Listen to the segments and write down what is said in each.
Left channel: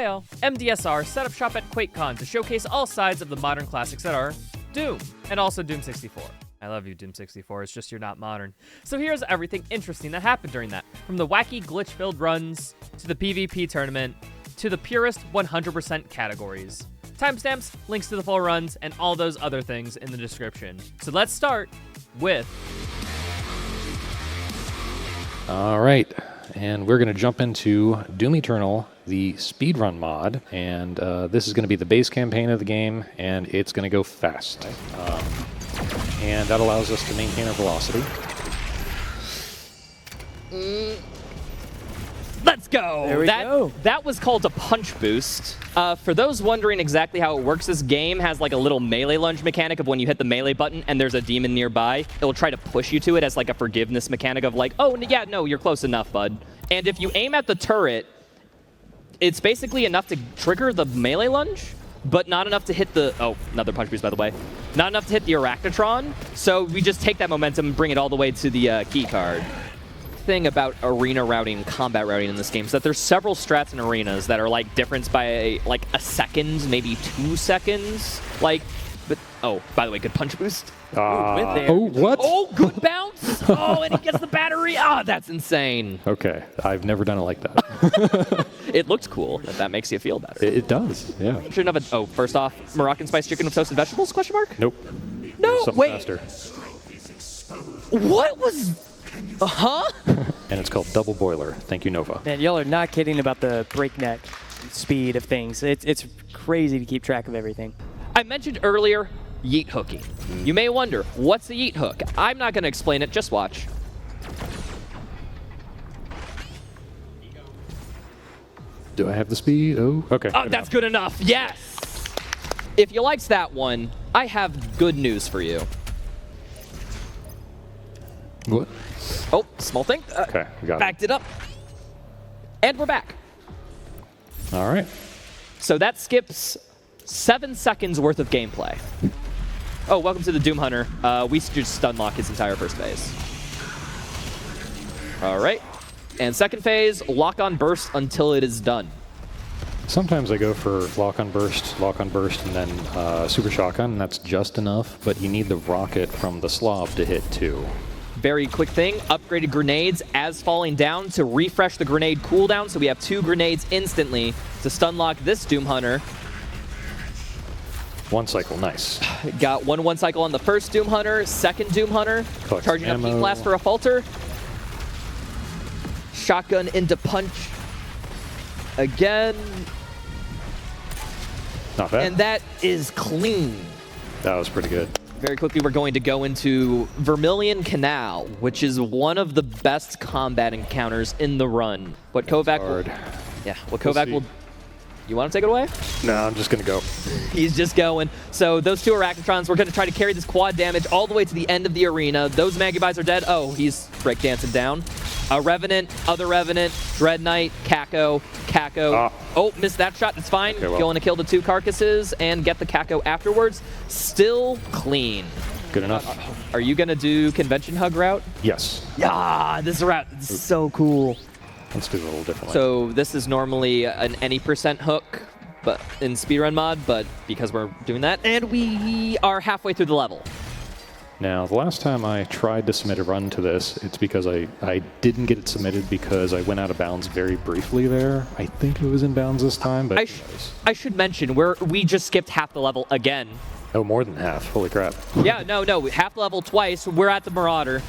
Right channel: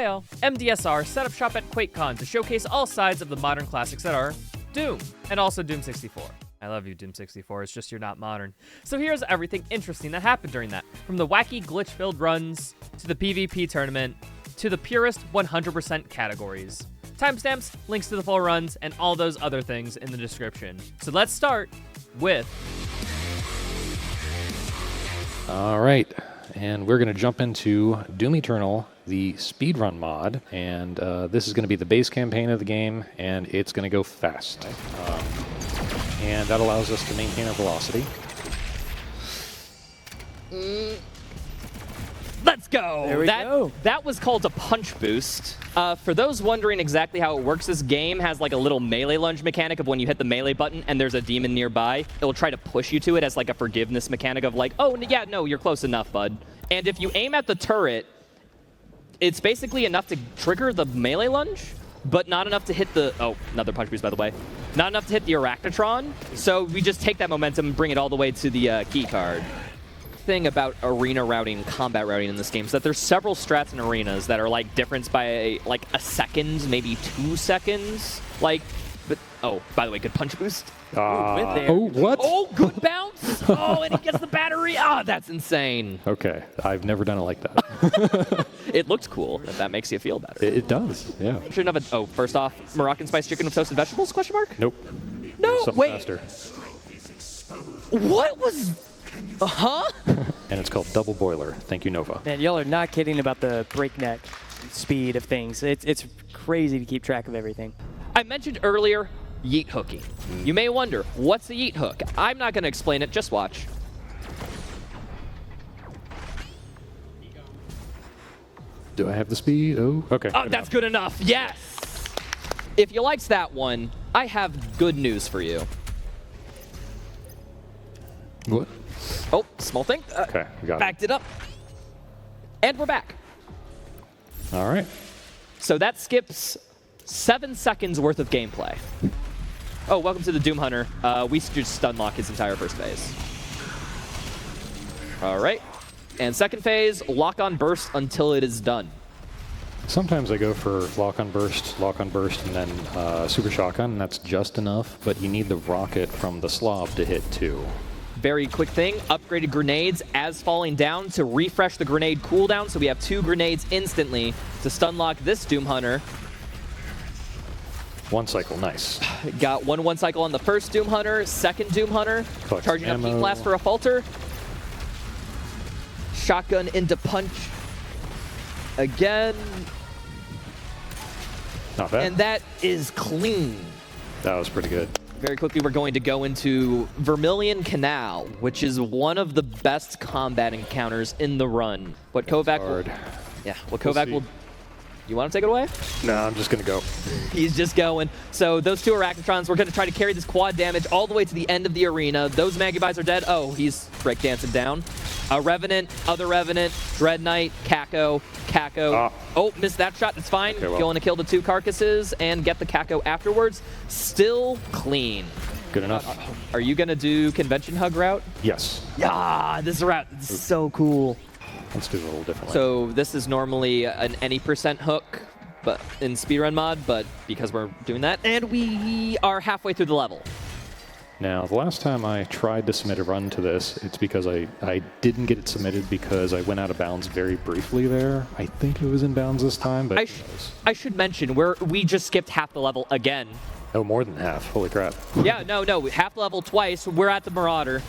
Heyo, MDSR set up shop at Quakecon to showcase all sides of the modern classics that are Doom, and also Doom 64. I love you, Doom 64, it's just you're not modern. So here's everything interesting that happened during that, from the wacky glitch-filled runs, to the PvP tournament, to the purest 100% categories. Timestamps, links to the full runs, and all those other things in the description. So let's start with... All right, and we're going to jump into Doom Eternal, the speedrun mod, and this is going to be the base campaign of the game, and it's going to go fast. And that allows us to maintain our velocity. Let's go! There we go. That was called a punch boost. For those wondering exactly how it works, this game has like a little melee lunge mechanic of when you hit the melee button and there's a demon nearby, it'll try to push you to it as like a forgiveness mechanic of like, oh, yeah, no, you're close enough, bud. And if you aim at the turret, it's basically enough to trigger the melee lunge, but not enough to hit the... Oh, another punch boost, by the way. Not enough to hit the Arachnotron, so we just take that momentum and bring it all the way to the key card. Thing about arena routing and combat routing in this game is that there's several strats in arenas that are like different by like a second, maybe 2 seconds. Like, but oh, by the way, good punch boost. Oh, what? Oh, good bounce. Oh, and he gets the battery. Ah, that's insane. Okay, I've never done it like that. It looks cool. If that makes you feel better. It does, yeah. Shouldn't have a... Oh, first off, Moroccan spice chicken with toasted vegetables? Question mark? Nope. No, Something wait. faster. What was... Huh? And it's called Double Boiler. Thank you, Nova. Man, y'all are not kidding about the breakneck speed of things. It's crazy to keep track of everything. I mentioned earlier yeet hooking. You may wonder, what's the yeet hook? I'm not going to explain it, just watch. Do I have the speed? Oh, okay. Oh, that's good enough. Yes! If you liked that one, I have good news for you. What? Oh, small thing. Okay, we got Backed it up. And we're back. All right. So that skips 7 seconds worth of gameplay. Oh, welcome to the Doom Hunter. We just stun lock his entire first phase. All right. And second phase, lock on burst until it is done. Sometimes I go for lock on burst, and then super shotgun, and that's just enough, but you need the rocket from the Slav to hit too. Very quick thing, upgraded grenades as falling down to refresh the grenade cooldown, so we have 2 grenades instantly to stun lock this Doom Hunter. 1 cycle, nice. Got one cycle on the first Doom Hunter, second Doom Hunter, Collect charging up ammo. Heat Blast for a falter. Shotgun into punch again. Not bad. And that is clean. That was pretty good. Very quickly, we're going to go into Vermilion Canal, which is one of the best combat encounters in the run. What Kovac will... Yeah, what Kovac will... You want to take it away? No, I'm just going to go. He's just going. So those 2 Arachnotrons, we're going to try to carry this quad damage all the way to the end of the arena. Those Magibis are dead. Oh, he's breakdancing down. Revenant, other Revenant, Dread Knight, Kako. Oh, missed that shot. That's fine. Okay, well. Going to kill the 2 carcasses and get the Kako afterwards. Still clean. Good enough. Are you going to do convention hug route? Yes. Yeah, this route is so cool. Let's do it a little differently. So this is normally an any % hook but in speedrun mod, but because we're doing that, and we are halfway through the level. Now, the last time I tried to submit a run to this, it's because I didn't get it submitted because I went out of bounds very briefly there. I think it was in bounds this time, but I should mention, we just skipped half the level again. Oh, more than half. Holy crap. Yeah, no, half the level twice. We're at the Marauder.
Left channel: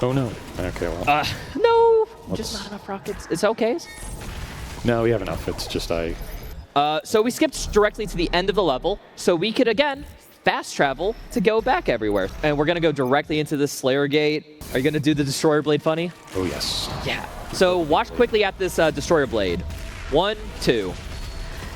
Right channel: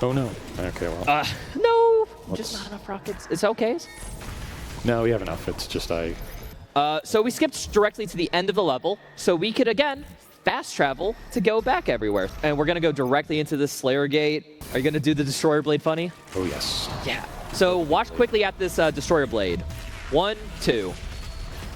Oh, no. Okay, well. No, just not enough rockets. It's okay. No, we have enough. It's just So we skipped directly to the end of the level, so we could, again, fast travel to go back everywhere. And we're going to go directly into this Slayer Gate. Are you going to do the Destroyer Blade funny? Oh, yes. Yeah. So watch quickly at this Destroyer Blade. 1, 2.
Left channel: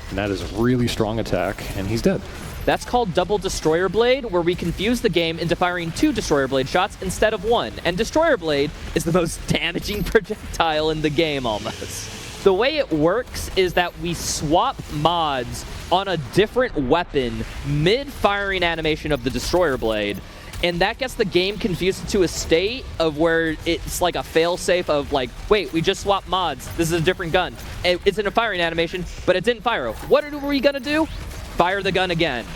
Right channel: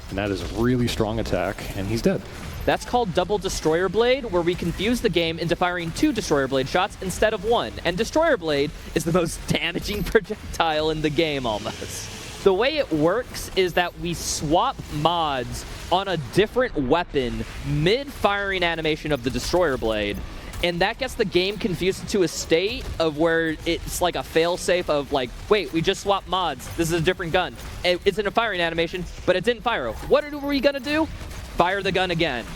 And that is a really strong attack, and he's dead. That's called Double Destroyer Blade, where we confuse the game into firing 2 Destroyer Blade shots instead of 1. And Destroyer Blade is the most damaging projectile in the game, almost. The way it works is that we swap mods on a different weapon mid-firing animation of the Destroyer Blade, And that gets the game confused to a state of where it's like a fail-safe of like, wait, we just swapped mods. This is a different gun. It's in a firing animation, but it didn't fire. What are we gonna do? Fire the gun again.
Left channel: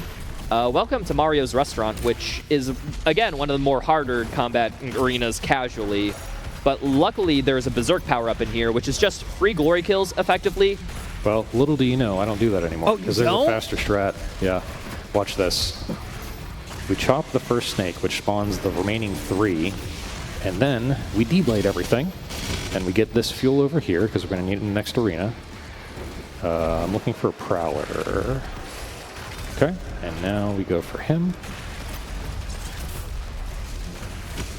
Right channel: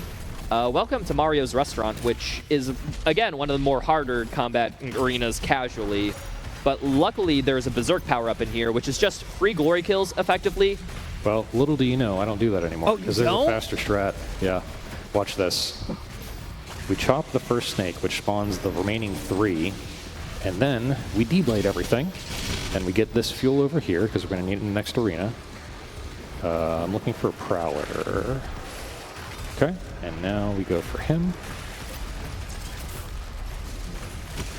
Welcome to Mario's Restaurant, which is, again, one of the more harder combat arenas casually. But luckily, there's a Berserk power-up in here, which is just free glory kills, effectively. Well, little do you know, I don't do that anymore. Oh, you because there's don't? a faster strat. Yeah. Watch this. We chop the first snake, which spawns the remaining 3. And then we deblade everything. And we get this fuel over here, because we're going to need it in the next arena. I'm looking for a Prowler. Okay, and now we go for him.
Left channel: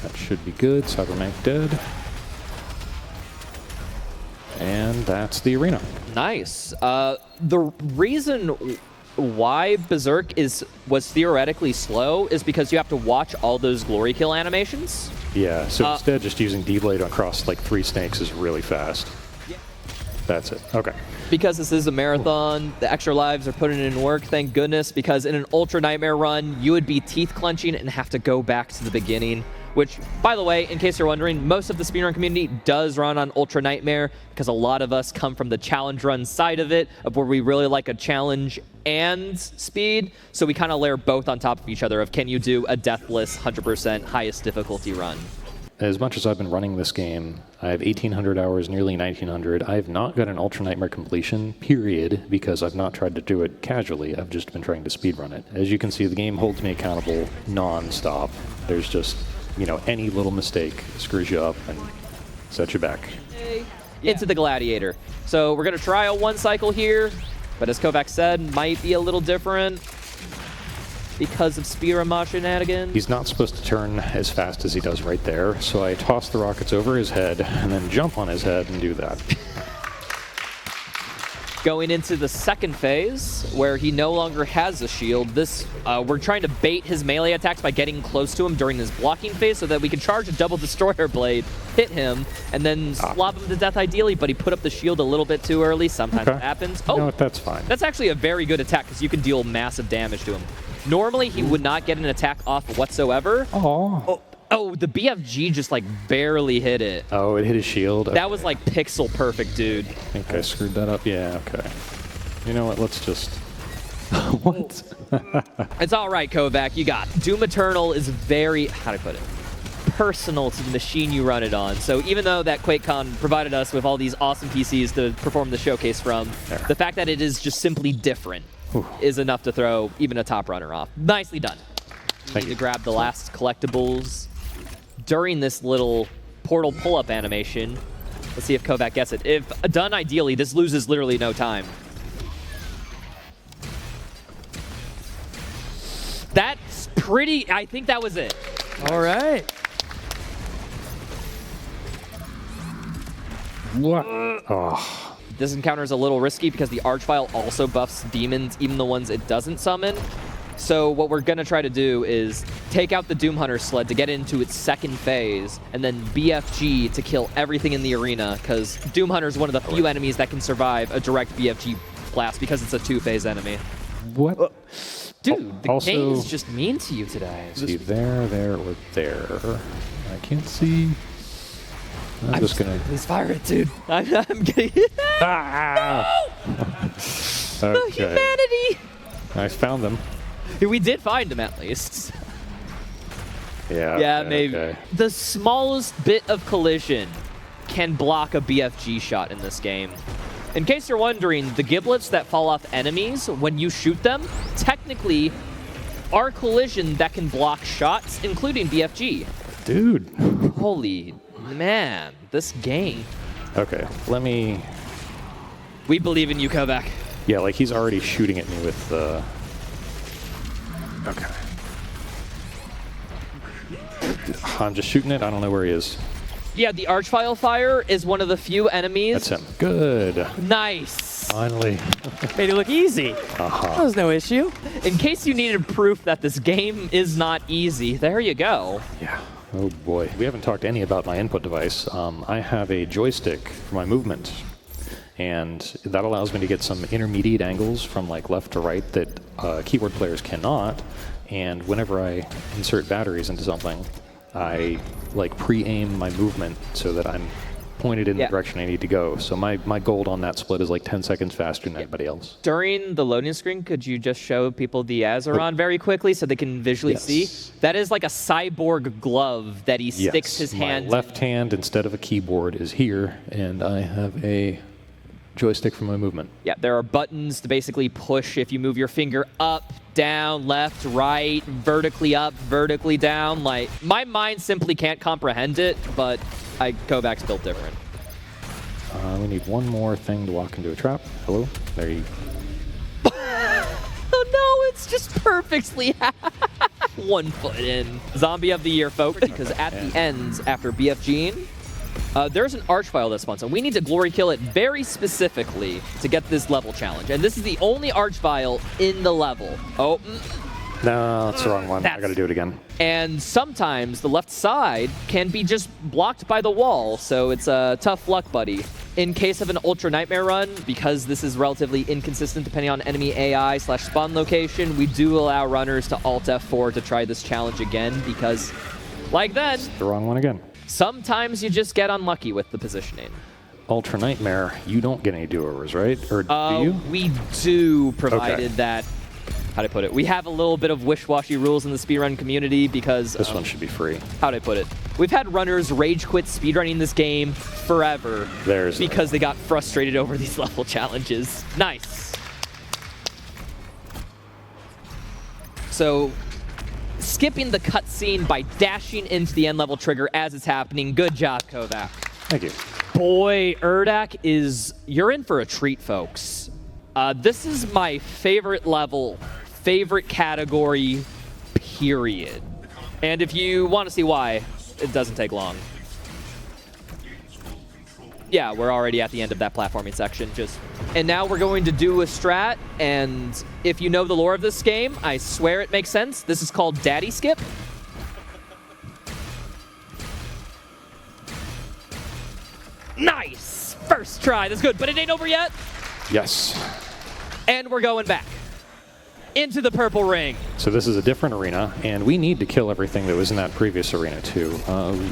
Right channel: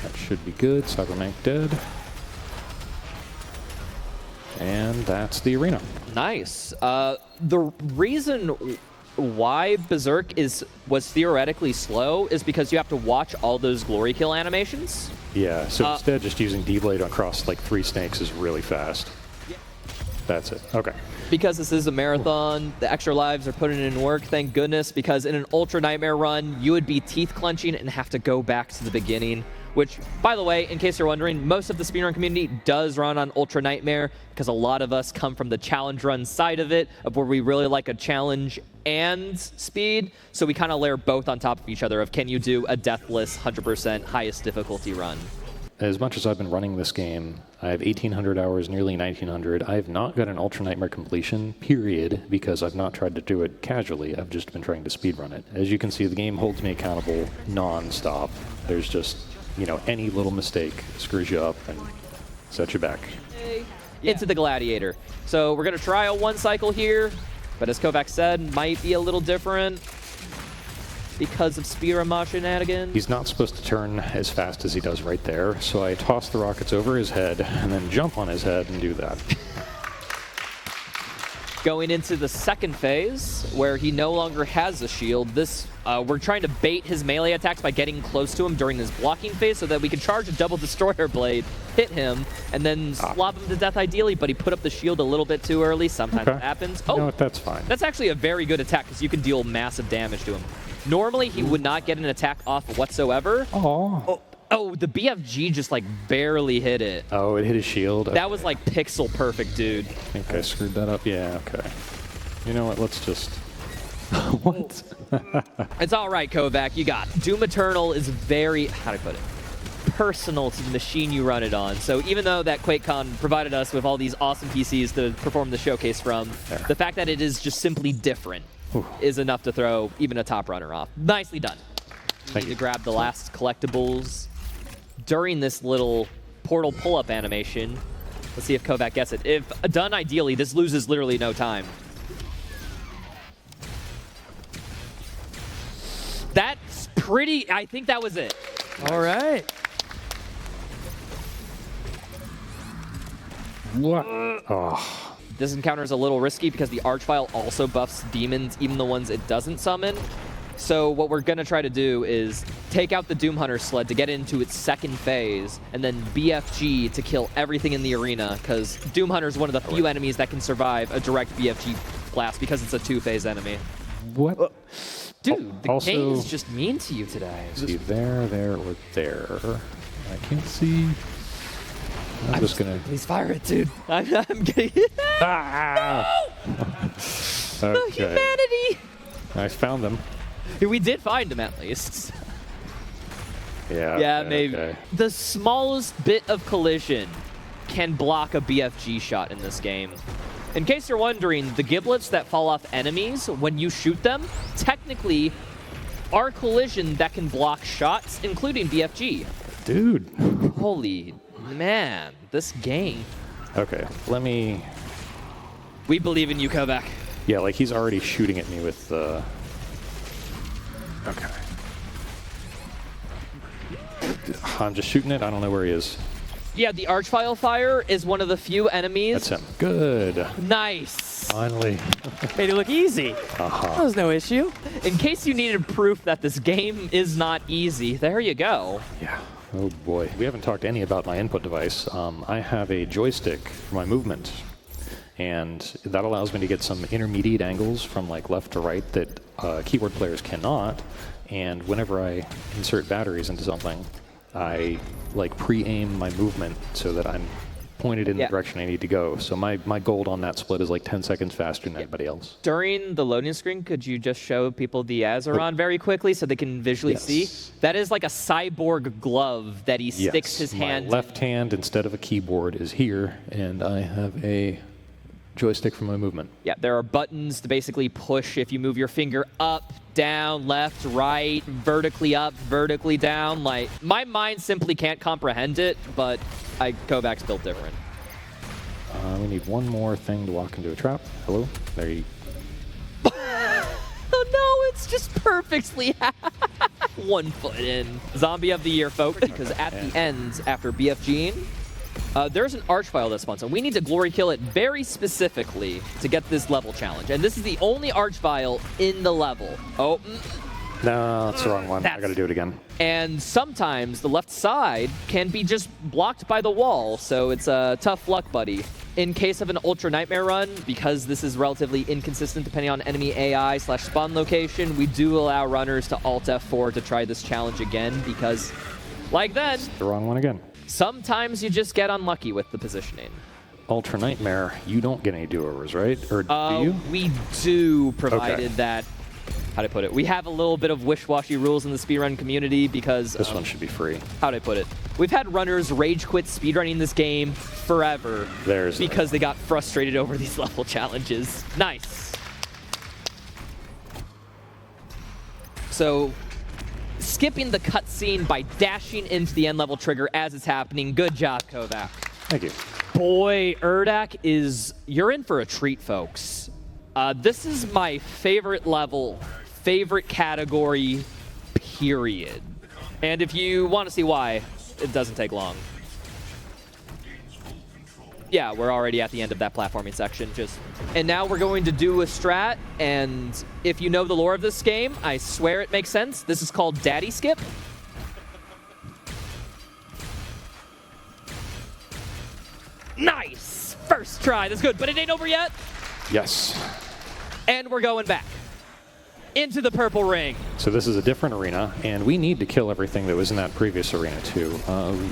That should be good. Cybermank dead. And that's the arena. Nice. The reason why Berserk was theoretically slow is because you have to watch all those glory kill animations. Yeah, so instead just using D-Blade across like 3 snakes is really fast. Yeah. That's it. Okay. Because this is a marathon, the extra lives are putting in work, thank goodness, because in an Ultra Nightmare run, you would be teeth clenching and have to go back to the beginning. Which, by the way, in case you're wondering, most of the speedrun community does run on Ultra Nightmare because a lot of us come from the challenge run side of it, of where we really like a challenge and speed. So we kind of layer both on top of each other of can you do a deathless 100% highest difficulty run. As much as I've been running this game, I have 1,800 hours, nearly 1,900. I have not got an Ultra Nightmare completion, period, because I've not tried to do it casually. I've just been trying to speedrun it. As you can see, the game holds me accountable non-stop. There's just, you know, any little mistake screws you up and sets you back. Into the Gladiator. So we're going to try a 1 cycle here, but as Kovac said, might be a little different because of speedrun shenanigans. He's not supposed to turn as fast as he does right there, so I toss the rockets over his head and then jump on his head and do that. Going into the second phase, where he no longer has a shield, we're trying to bait his melee attacks by getting close to him during this blocking phase so that we can charge a double destroyer blade, hit him, and then slop him to death ideally, but he put up the shield a little bit too early. Sometimes it happens. You know what, that's fine. That's actually a very good attack because you can deal massive damage to him. Normally, he would not get an attack off whatsoever. Oh, the BFG just like barely hit it. Oh, it hit his shield? Okay. That was like pixel perfect, dude. I think I screwed that up. Yeah, okay. You know what, let's just... What? It's all right, Kovac, you got it. Doom Eternal is very, how do I put it, personal to the machine you run it on. So even though that Quakecon provided us with all these awesome PCs to perform the showcase from, the fact that it is just simply different is enough to throw even a top runner off. Nicely done. Thank you. To grab the last collectibles during this little portal pull-up animation. Let's see if Kovac gets it. If done ideally, this loses literally no time. That's pretty, I think that was it. All right. What? Oh. This encounter is a little risky because the Archvile also buffs demons, even the ones it doesn't summon. So what we're going to try to do is take out the Doom Hunter sled to get into its second phase, and then BFG to kill everything in the arena, because Doom Hunter is one of the few enemies that can survive a direct BFG blast because it's a 2-phase enemy. What? Dude, the Also, game is just mean to you today. See, there, or there. I can't see. I'm just gonna... Please fire it, dude. I'm getting... Ah! No! Okay. Humanity! I found them. We did find him, at least. Yeah. Yeah, okay, maybe. okay. The smallest bit of collision can block a BFG shot in this game. In case you're wondering, the giblets that fall off enemies, when you shoot them, technically are collision that can block shots, including BFG. Dude. Holy man, this game. Okay, let me... We believe in you, Kovac. Yeah, like he's already shooting at me with the... Okay. I'm just shooting it. I don't know where he is. Yeah, the Archvile Fire is one of the few enemies. That's him. Good. Nice. Finally. Made it look easy. That was no issue. In case you needed proof that this game is not easy, there you go. Yeah. Oh boy. We haven't talked any about my input device. I have a joystick for my movement, and that allows me to get some intermediate angles from like left to right that keyboard players cannot. and whenever I insert batteries into something, I like pre-aim my movement so that I'm pointed in the direction I need to go. So my gold on that split is like 10 seconds faster than anybody else. During the loading screen, could you just show people the Azeron very quickly so they can visually see? That is like a cyborg glove that he sticks his hand. My left hand, instead of a keyboard, is here, and I have a joystick for my movement. Yeah, there are buttons to basically push if you move your finger up, down, left, right, vertically up, vertically down. Like, my mind simply can't comprehend it, but Kovacs built different. We need one more thing to walk into a trap. Hello? There you Oh no, it's just perfectly 1 foot in. Zombie of the year, folks, because at the end, after BFGing, there's an archvile that spawns, and we need to glory kill it very specifically to get this level challenge. And this is the only archvile in the level. Oh. No, that's the wrong one. I gotta do it again. And sometimes the left side can be just blocked by the wall, so it's a tough luck, buddy. In case of an Ultra Nightmare run, because this is relatively inconsistent depending on enemy AI/spawn location, we do allow runners to Alt F4 to try this challenge again, because, like then, The wrong one again. sometimes you just get unlucky with the positioning. Ultra Nightmare, you don't get any do-overs, right? Or do you? We do, provided that, how do I put it? We have a little bit of wish-washy rules in the speedrun community because... This one should be free. How do I put it? We've had runners rage quit speedrunning this game forever because they got frustrated over these level challenges. Nice. So, skipping the cutscene by dashing into the end level trigger as it's happening. Good job, Kovac. Thank you. Boy, Urdak you're in for a treat, folks. This is my favorite level, favorite category, period. And if you want to see why, it doesn't take long. Yeah, we're already at the end of that platforming section. And now we're going to do a strat, and if you know the lore of this game, I swear it makes sense. This is called Daddy Skip. Nice! First try, that's good, but it ain't over yet. Yes. And we're going back into the purple ring. So this is a different arena, and we need to kill everything that was in that previous arena too.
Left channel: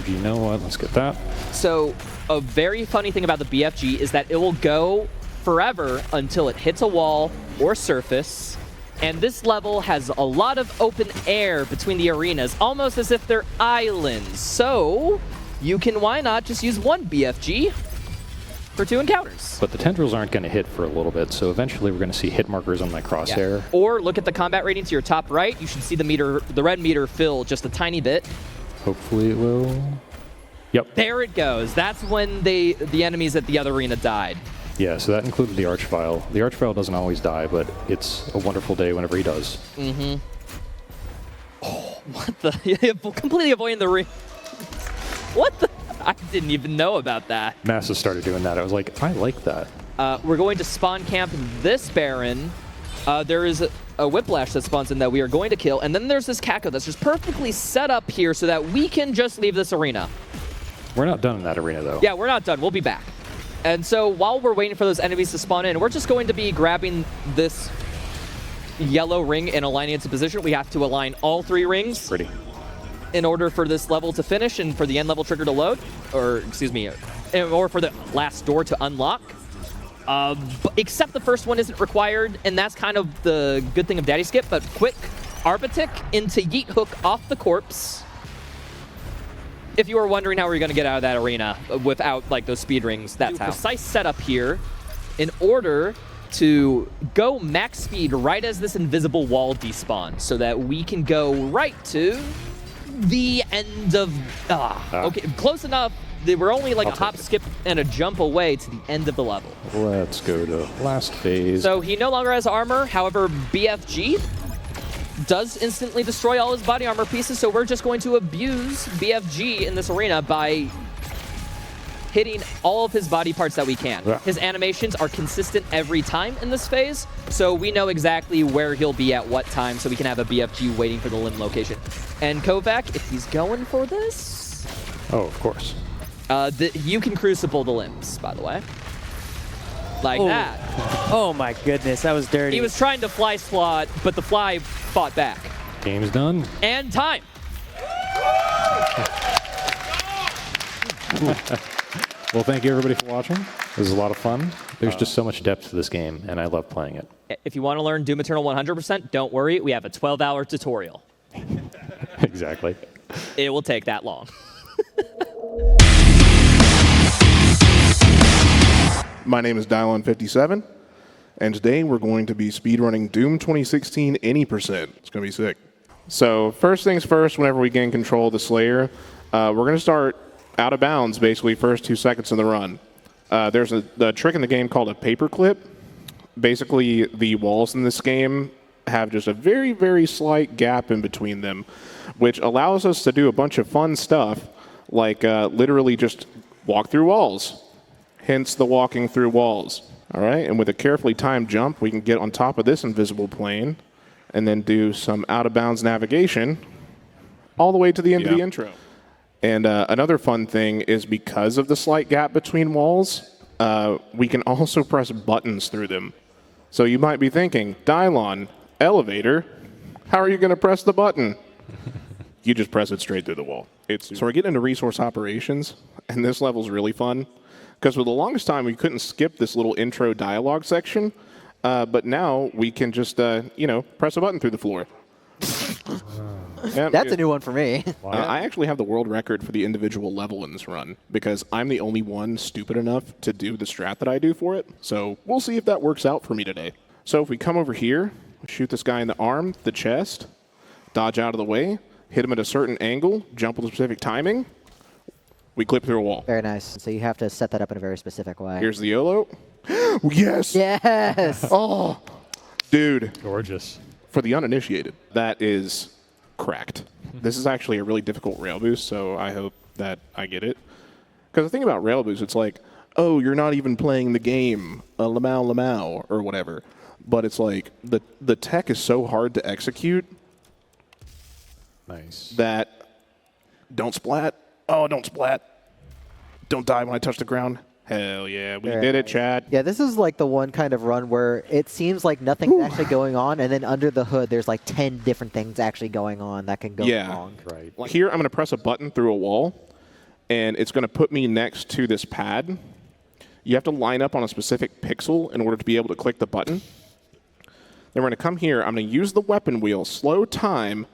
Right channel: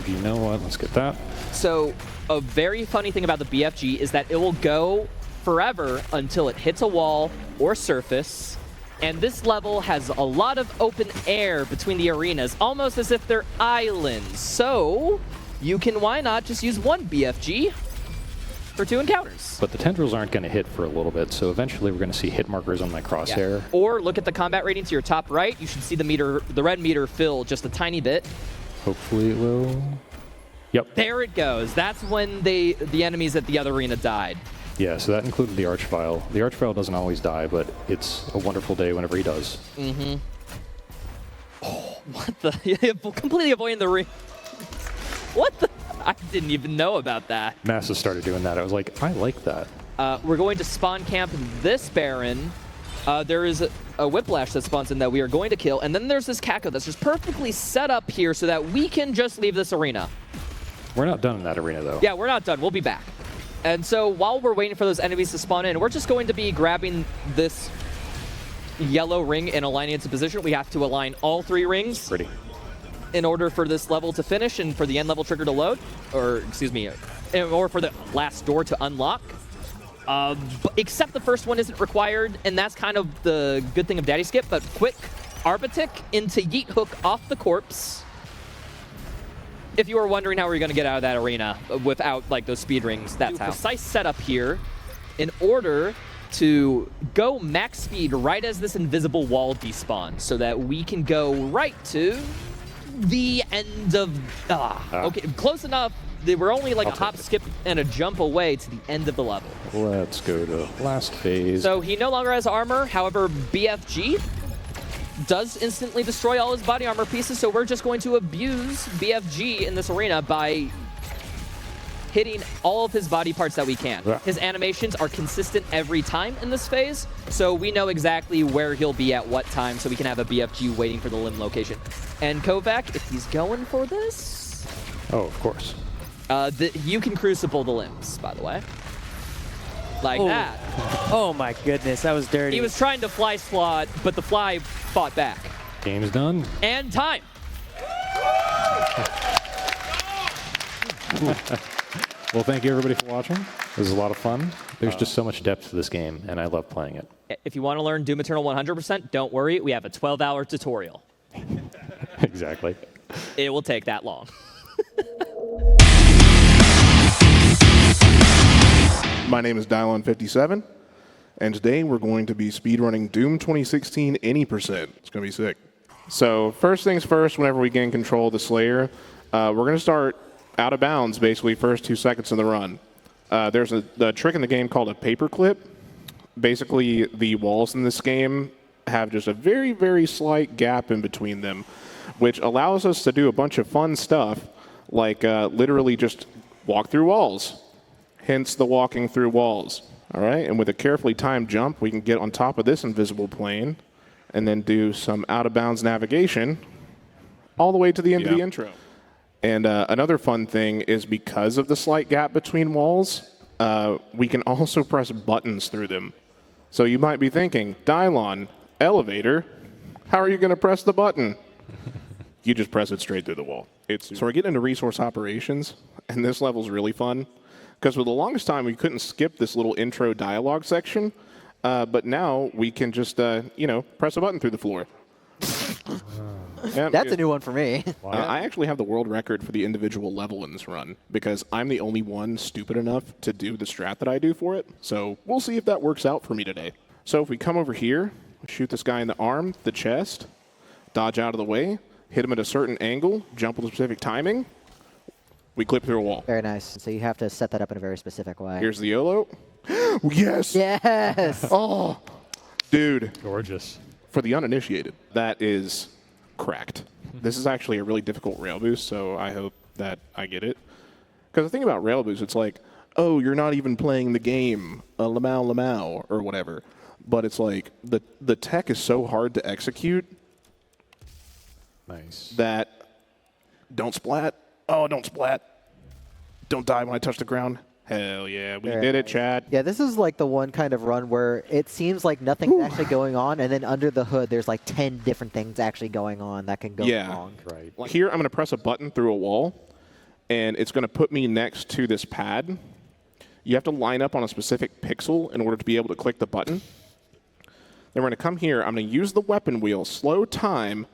You know what? Let's get that. So a very funny thing about the BFG is that it will go forever until it hits a wall or surface. And this level has a lot of open air between the arenas, almost as if they're islands. So you can, why not just use one BFG for 2 encounters? But the tendrils aren't going to hit for a little bit, so eventually we're going to see hit markers on my crosshair. Yeah. Or look at the combat rating to your top right. You should see the red meter fill just a tiny bit. Hopefully it will. Yep. There it goes. That's when the enemies at the other arena died. Yeah, so that included the Archvile. The Archvile doesn't always die, but it's a wonderful day whenever he does. Mm-hmm. Oh, what the? Completely avoiding the ring. What the? I didn't even know about that. Massa started doing that. I was like, I like that. We're going to spawn camp this Baron. There is a Whiplash that spawns in that we are going to kill. And then there's this Kako that's just perfectly set up here so that we can just leave this arena. We're not done in that arena, though. Yeah, we're not done. We'll be back. And so while we're waiting for those enemies to spawn in, we're just going to be grabbing this yellow ring and aligning it to position. We have to align all 3 rings. Pretty. In order for this level to finish and for the end level trigger to load, or excuse me, or for the last door to unlock. Except the first one isn't required, and that's kind of the good thing of Daddy Skip, but quick Arbitic into Yeet Hook off the corpse. If you were wondering how we're going to get out of that arena without like those speed rings, that's how. Precise setup here in order to go max speed right as this invisible wall despawns so that we can go right to the end of... Okay, close enough. They were only like a hop, skip, and a jump away to the end of the level. Let's go to last phase. So he no longer has armor. However, BFG does instantly destroy all his body armor pieces, so we're just going to abuse BFG in this arena by hitting all of his body parts that we can. Yeah. His animations are consistent every time in this phase, so we know exactly where he'll be at what time, so we can have a BFG waiting for the limb location. And Kovac, if he's going for this... Oh, of course. You can crucible the limbs, by the way. Like that. Oh my goodness, that was dirty. He was trying to fly swat, but the fly fought back. Game's done. And time. Well, thank you everybody for watching. This was a lot of fun. There's just so much depth to this game, and I love playing it. If you want to learn Doom Eternal 100%, don't worry. We have a 12-hour tutorial. Exactly. It will take that long. My name is Dylon57, and today we're going to be speedrunning Doom 2016 any %. It's going to be sick. So first things first, whenever we gain control of the Slayer, we're going to start out of bounds, basically, first 2 seconds of the run. There's a trick in the game called a paperclip. Basically, the walls in this game have just a very, very slight gap in between them, which allows us to do a bunch of fun stuff, like literally just walk through walls. Hence the walking through walls. All right, and with a carefully timed jump, we can get on top of this invisible plane and then do some out-of-bounds navigation all the way to the end of the intro. And another fun thing is because of the slight gap between walls, we can also press buttons through them. So you might be thinking, Dylon, elevator, how are you going to press the button? You just press it straight through the wall. So we're getting into resource operations, and this level's really fun. Because for the longest time, we couldn't skip this little intro dialogue section, but now we can just, press a button through the floor. That's a new one for me. I actually have the world record for the individual level in this run because I'm the only one stupid enough to do the strat that I do for it. So we'll see if that works out for me today. So if we come over here, shoot this guy in the arm, the chest, dodge out of the way, hit him at a certain angle, jump with a specific timing, we clip through a wall. Very nice. So you have to set that up in a very specific way. Here's the YOLO. Yes! Yes! Oh, dude. Gorgeous. For the uninitiated, that is cracked. This is actually a really difficult rail boost, so I hope that I get it. Because the thing about rail boost, it's like, oh, you're not even playing the game, lamau, or whatever. But it's like, the tech is so hard to execute. Nice. That, don't splat. Oh, don't splat. Don't die when I touch the ground. Hell yeah, we did it, Chad. Yeah, this is like the one kind of run where it seems like nothing's actually going on, and then under the hood, there's like 10 different things actually going on that can go wrong. Right. Like here, I'm going to press a button through a wall, and it's going to put me next to this pad. You have to line up on a specific pixel in order to be able to click the button. Then we're going to come here. I'm going to use the weapon wheel, slow time,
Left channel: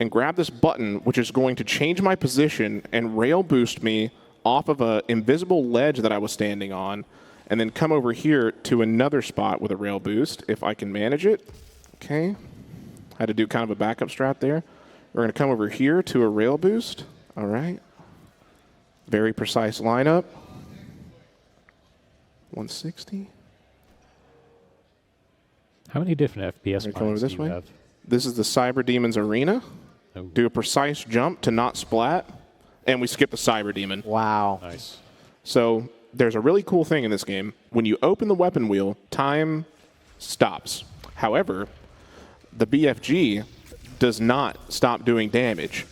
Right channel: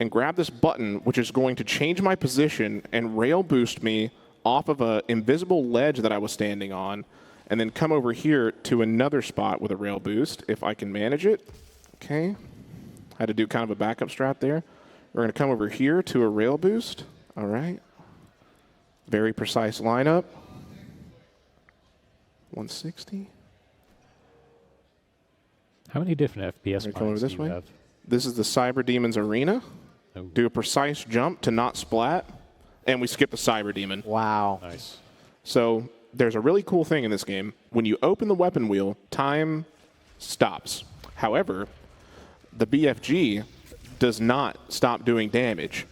and grab this button, which is going to change my position and rail boost me off of an invisible ledge that I was standing on, and then come over here to another spot with a rail boost, if I can manage it. Okay. Had to do kind of a backup strat there. We're going to come over here to a rail boost. All right. Very precise lineup. 160. How many different FPS Come over points this do you way. have? This is the Cyber Demon's arena. Oh. Do a precise jump to not splat, and we skip the Cyber Demon. Wow. Nice. So there's a really cool thing in this game. When you open the weapon wheel, time stops. However, the BFG does not stop doing damage.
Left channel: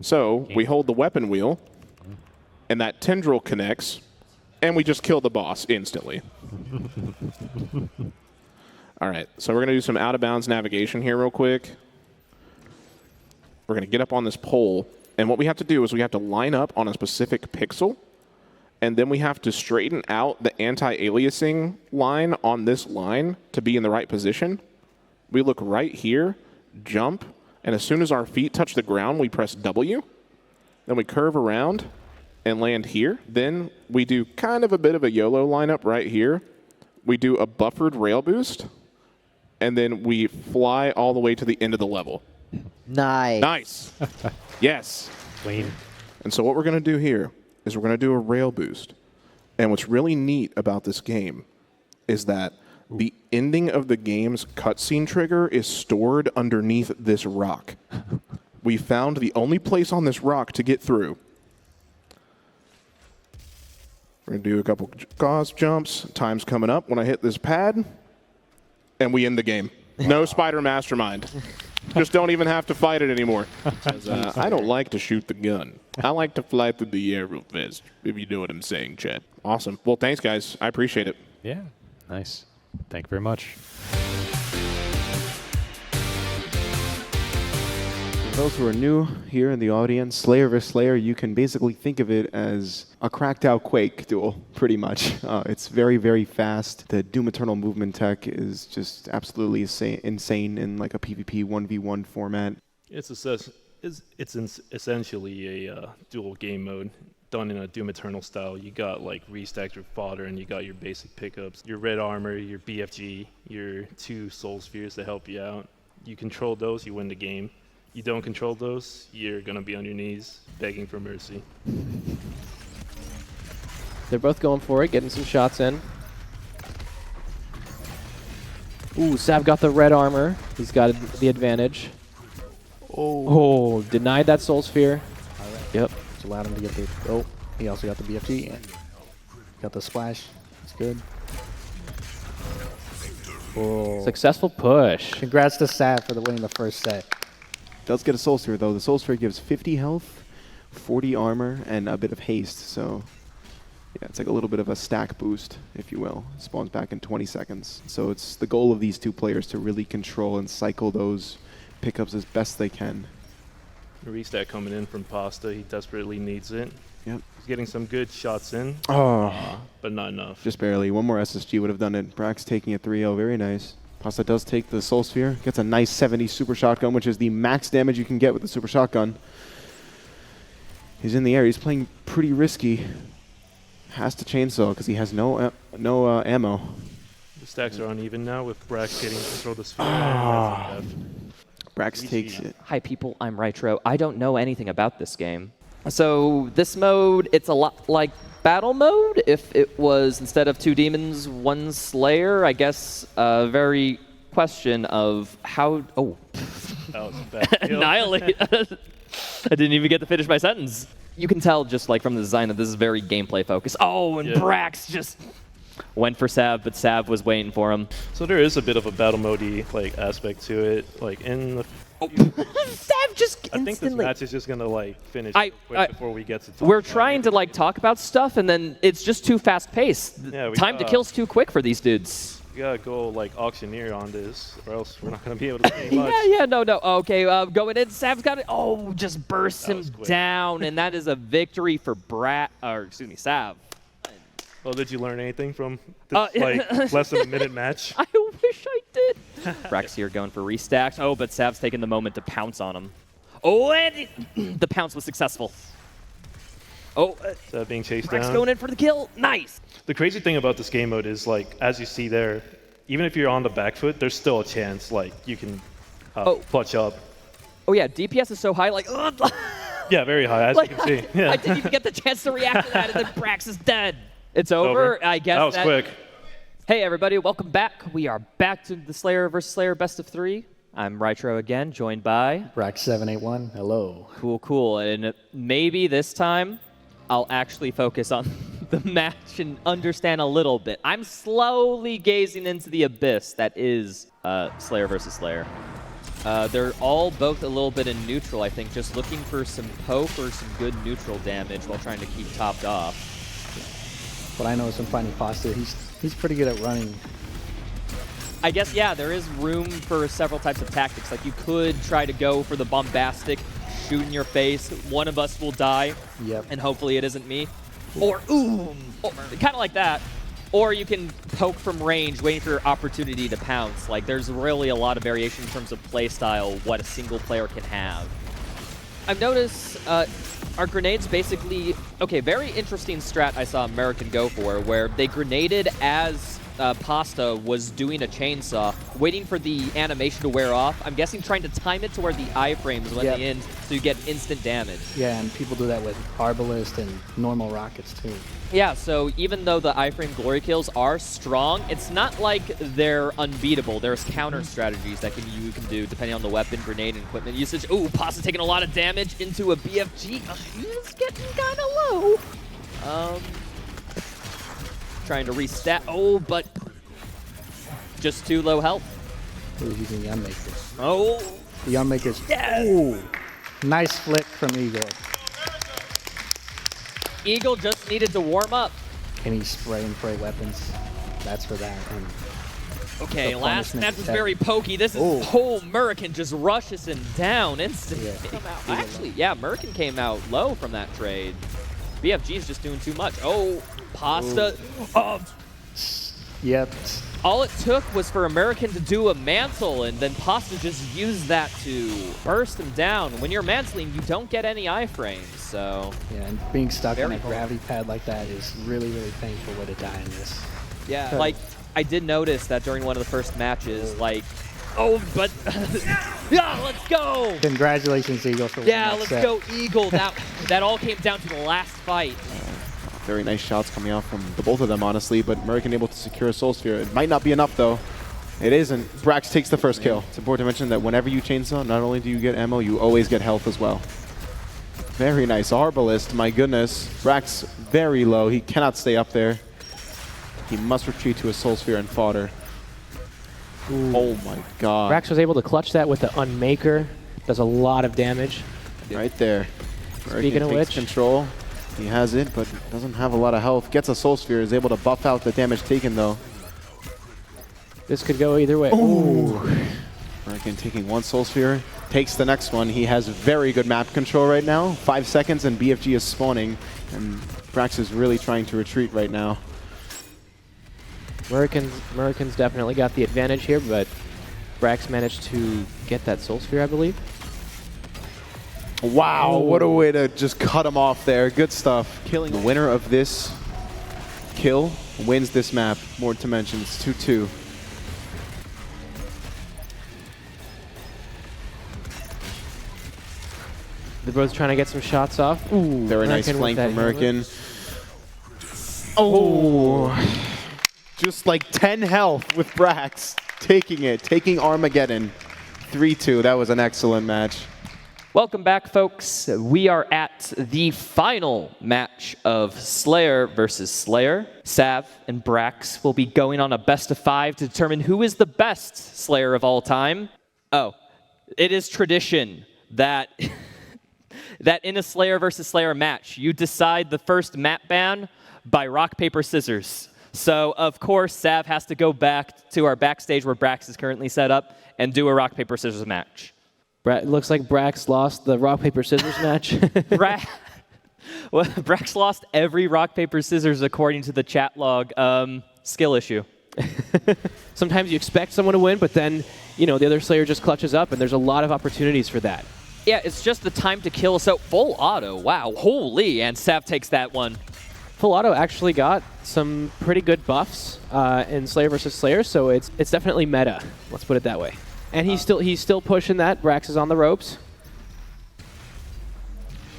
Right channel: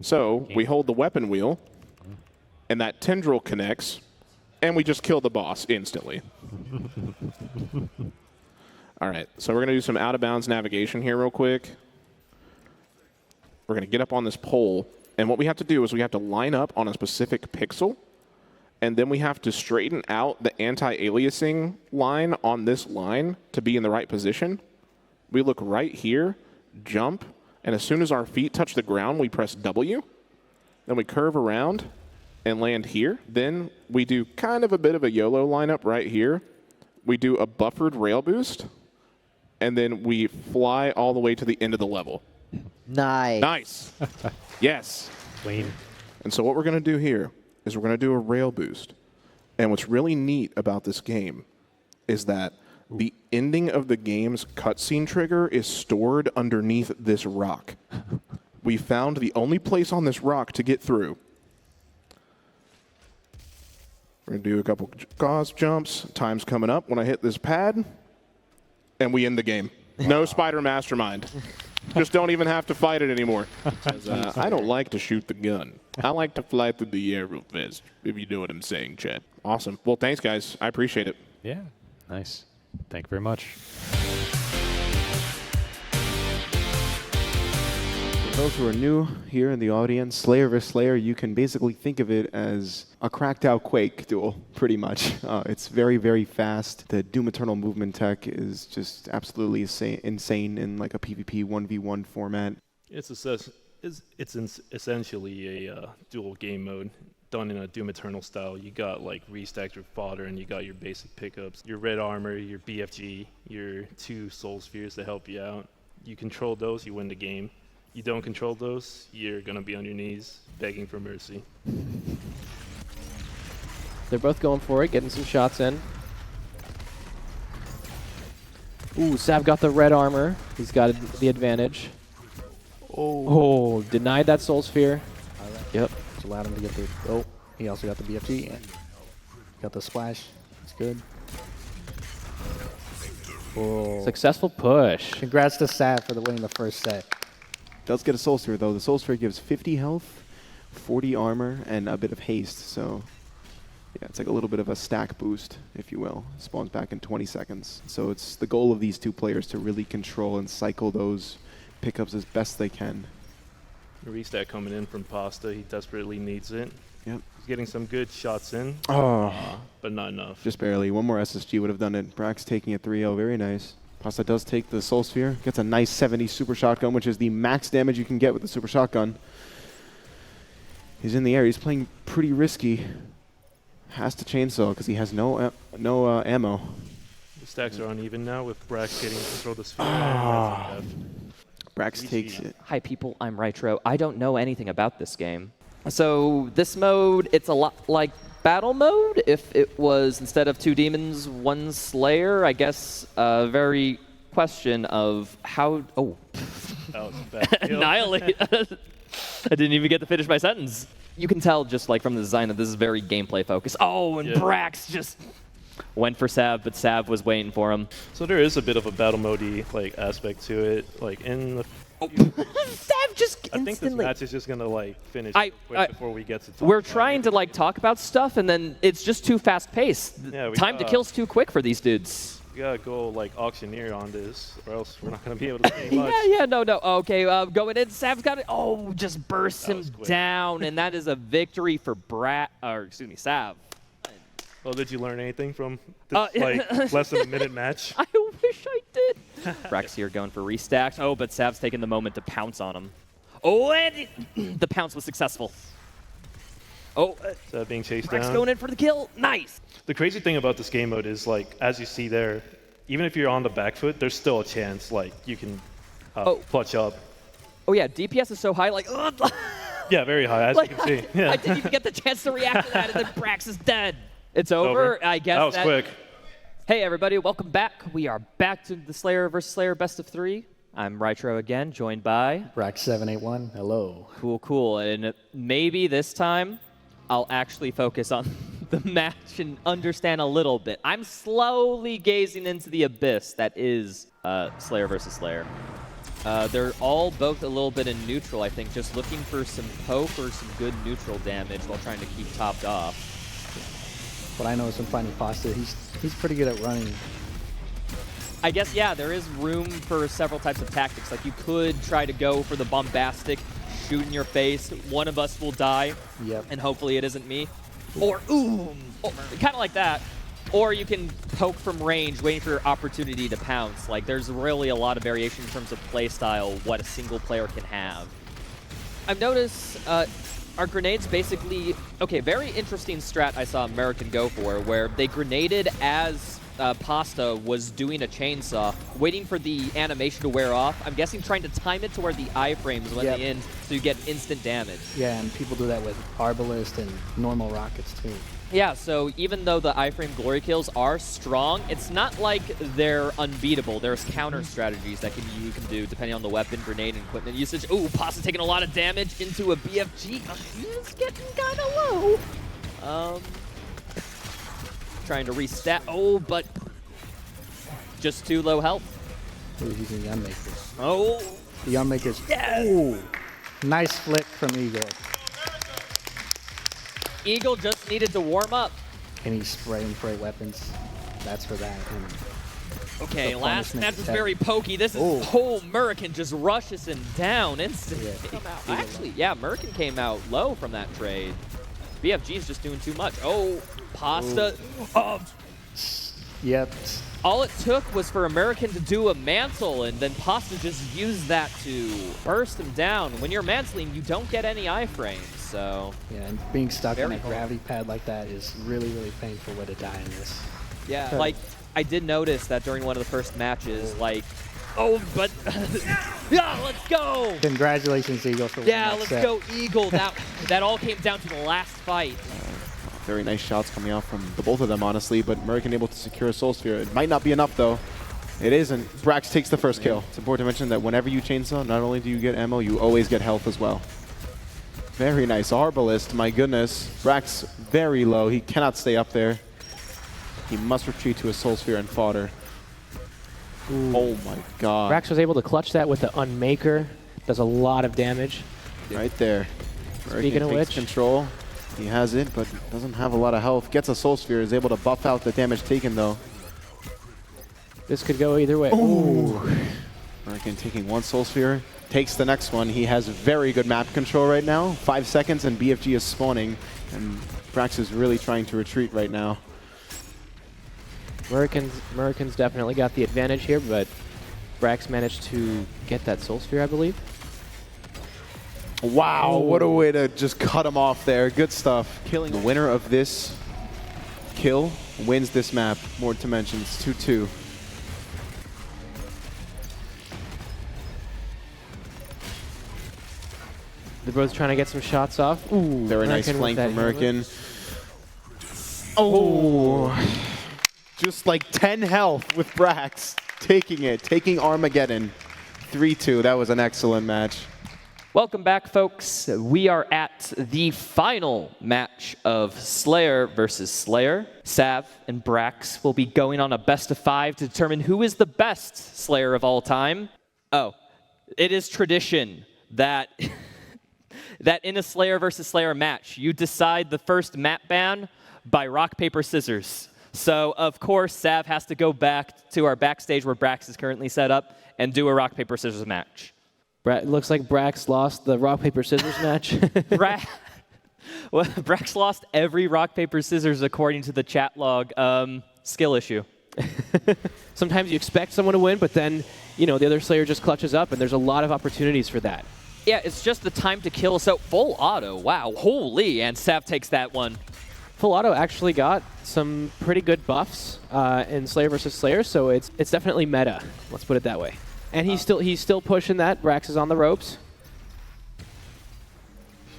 So we hold the weapon wheel, and that tendril connects, and we just kill the boss instantly. All right, so we're going to do some out-of-bounds navigation here real quick. We're going to get up on this pole, and what we have to do is we have to line up on a specific pixel, and then we have to straighten out the anti-aliasing line on this line to be in the right position. We look right here, jump, and as soon as our feet touch the ground, we press W. Then we curve around and land here. Then we do kind of a bit of a YOLO lineup right here. We do a buffered rail boost, and then we fly all the way to the end of the level. Nice. Nice. Yes. Clean. And so what we're going to do here is we're going to do a rail boost. And what's really neat about this game is that the ending of the game's cutscene trigger is stored underneath this rock. We found the only place on this rock to get through. We're going to do a couple gauze jumps. Time's coming up when I hit this pad. And we end the game. No Spider Mastermind. Just don't even have to fight it anymore. I don't like to shoot the gun. I like to fly through the air real fast, if you know what I'm saying, Chad. Awesome. Well, thanks, guys. I appreciate it. Yeah. Nice. Thank you very much. For those who are new here in the audience, Slayer vs. Slayer, you can basically think of it as a cracked out Quake duel, pretty much. It's very, very fast. The Doom Eternal movement tech is just absolutely insane in like a PvP 1v1 format. It's essentially a dual game mode done in a Doom Eternal style. You got like restacked your fodder and you got your basic pickups, your red armor, your BFG, your 2 soul spheres to help you out. You control those, you win the game. You don't control those, you're gonna be on your knees begging for mercy. They're both going for it, getting some shots in. Ooh, Sav got the red armor. He's got the advantage. Oh, denied that soul sphere. All right. Yep. It's allowed him to get the. Oh, he also got the BFG and got the splash. It's good. Oh. Successful push. Congrats to Sav for winning the first set. Does get a soul sphere though. The soul sphere gives 50 health, 40 armor, and a bit of haste. So yeah, it's like a little bit of a stack boost, if you will. It spawns back in 20 seconds. So it's the goal of these two players to really control and cycle those pickups as best they can. Restack coming in from Pasta, he desperately needs it. Yep. He's getting some good shots in, but not enough. Just barely. One more SSG would have done it. Brax taking a 3-0. Very nice. Pasta does take the soul sphere. Gets a nice 70 super shotgun, which is the max damage you can get with the super shotgun. He's in the air. He's playing pretty risky. Has to chainsaw because he has no ammo. The stacks are uneven now with Brax getting control of the sphere. Brax takes it. Hi people, I'm Rytro. I don't know anything about this game. So this mode, it's a lot like battle mode. If it was instead of 2 demons, 1 slayer, I guess very question of how. Oh, That was a bad kill. annihilate. I didn't even get to finish my sentence. You can tell just like from the design that this is very gameplay focused. Oh, and Brax just went for Sav, but Sav was waiting for him. So there is a bit of a battle mode-y like aspect to it. Like in the Sav just I think this instantly. match is just gonna like finish I- quick before we get to talk We're about trying it. to like talk about stuff, and then it's just too fast paced. Yeah, we Time to got- kill's too quick for these dudes. We gotta go like auctioneer on this, or else we're not gonna be able to see much. No. Okay, going in. Sav's got it. Oh, just bursts That him was quick. down, and that is a victory for Sav. Well, did you learn anything from this like less than a minute match? I wish I did. Brax here going for restacks. Oh, but Sav's taking the moment to pounce on him. Oh, and the pounce was successful. Oh, That being chased Brax down. going in for the kill. Nice. The crazy thing about this game mode is like, as you see there, even if you're on the back foot, there's still a chance like you can clutch up. Oh yeah, DPS is so high. Like, Yeah, very high, as like you can see. Yeah. I didn't even get the chance to react to that, and then Brax is dead. It's over. I guess that was quick. Hey everybody, welcome back. We are back to the Slayer vs. Slayer best of 3. I'm Rytro again, joined by Brax781. Hello. Cool. And maybe this time I'll actually focus on the match and understand a little bit. I'm slowly gazing into the abyss that is Slayer vs. Slayer. They're all both a little bit in neutral, I think, just looking for some poke or some good neutral damage while trying to keep topped off. What I know is from finding Pasta, he's pretty good at running. I guess, yeah, there is room for several types of tactics. Like, you could try to go for the bombastic, shoot in your face, one of us will die, and hopefully it isn't me. Or, kind of like that. Or you can poke from range, waiting for your opportunity to pounce. Like, there's really a lot of variation in terms of playstyle, what a single player can have. I've noticed our grenades basically... Okay, very interesting strat I saw American go for, where they grenaded as Pasta was doing a chainsaw, waiting for the animation to wear off. I'm guessing trying to time it to where the iframes when they end, so you get instant damage. Yeah, and people do that with Arbalist and normal rockets too. Yeah, so even though the iframe glory kills are strong, it's not like they're unbeatable. There's counter strategies that you can do depending on the weapon, grenade, and equipment usage. Ooh, Pasta taking a lot of damage into a BFG. He's getting kind of low. Trying to restat. Oh, but just too low health. He's using the Unmakers. Oh. The Unmakers. Yes. Ooh. Nice flick from Eagle. Eagle just needed to warm up. Can he spray and pray weapons? That's for that. And Okay, the last punishment match was attack. very pokey. This is Murican just rushes him down instantly. Yeah. Actually, yeah, Murican came out low from that trade. BFG is just doing too much. Oh, Pasta. Yep. All it took was for American to do a mantle, and then Pasta just used that to burst him down. When you're mantling, you don't get any iframes, so... Yeah, and being stuck on Very a cool. gravity pad like that is really, really painful way to die in this. Yeah, like, I did notice that during one of the first matches, like... Oh, but... yeah, let's go! Congratulations, Eagle, for winning Yeah, that let's set. go, Eagle. That all came down to the last fight. Very nice shots coming out from the both of them, honestly, but American able to secure a Soul Sphere. It might not be enough, though. It isn't. Brax takes the first kill. It's important to mention that whenever you chainsaw, not only do you get ammo, you always get health as well. Very nice. Arbalist, my goodness. Brax very low. He cannot stay up there. He must retreat to a Soul Sphere and fodder. Oh my god. Brax was able to clutch that with the Unmaker. Does a lot of damage. Right there. Speaking of takes which, control. He has it, but doesn't have a lot of health. Gets a Soul Sphere, is able to buff out the damage taken, though. this could go either way. Ooh. American taking one Soul Sphere, takes the next one. He has very good map control right now. 5 seconds and BFG is spawning, and Brax is really trying to retreat right now. Americans definitely got the advantage here, but Brax managed to get that Soul Sphere, I believe. Wow, what a way to just cut him off there. Good stuff. Killing the winner of this kill wins this map. More to mention, it's 2-2. They're both trying to get some shots off. Ooh, Very nice American with flank that from American. Oh, just like 10 health with Brax. Taking it, taking Armageddon. 3-2, that was an excellent match. Welcome back, folks. We are at the final match of Slayer versus Slayer. Sav and Brax will be going on a best-of-5 to determine who is the best Slayer of all time. Oh, it is tradition that that in a Slayer versus Slayer match, you decide the first map ban by rock, paper, scissors. So, of course, Sav has to go back to our backstage where Brax is currently set up and do a rock, paper, scissors match. It looks like Brax lost the rock, paper, scissors match. Well, Brax lost every rock, paper, scissors according to the chat log. Skill issue. Sometimes you expect someone to win, but then, you know, the other Slayer just clutches up, and there's a lot of opportunities for that. Yeah, it's just the time to kill. So, full auto. Wow, holy. And Sav takes that one. Full auto actually got some pretty good buffs in Slayer versus Slayer, so it's definitely meta. Let's put it that way. And he's still pushing that. Brax is on the ropes.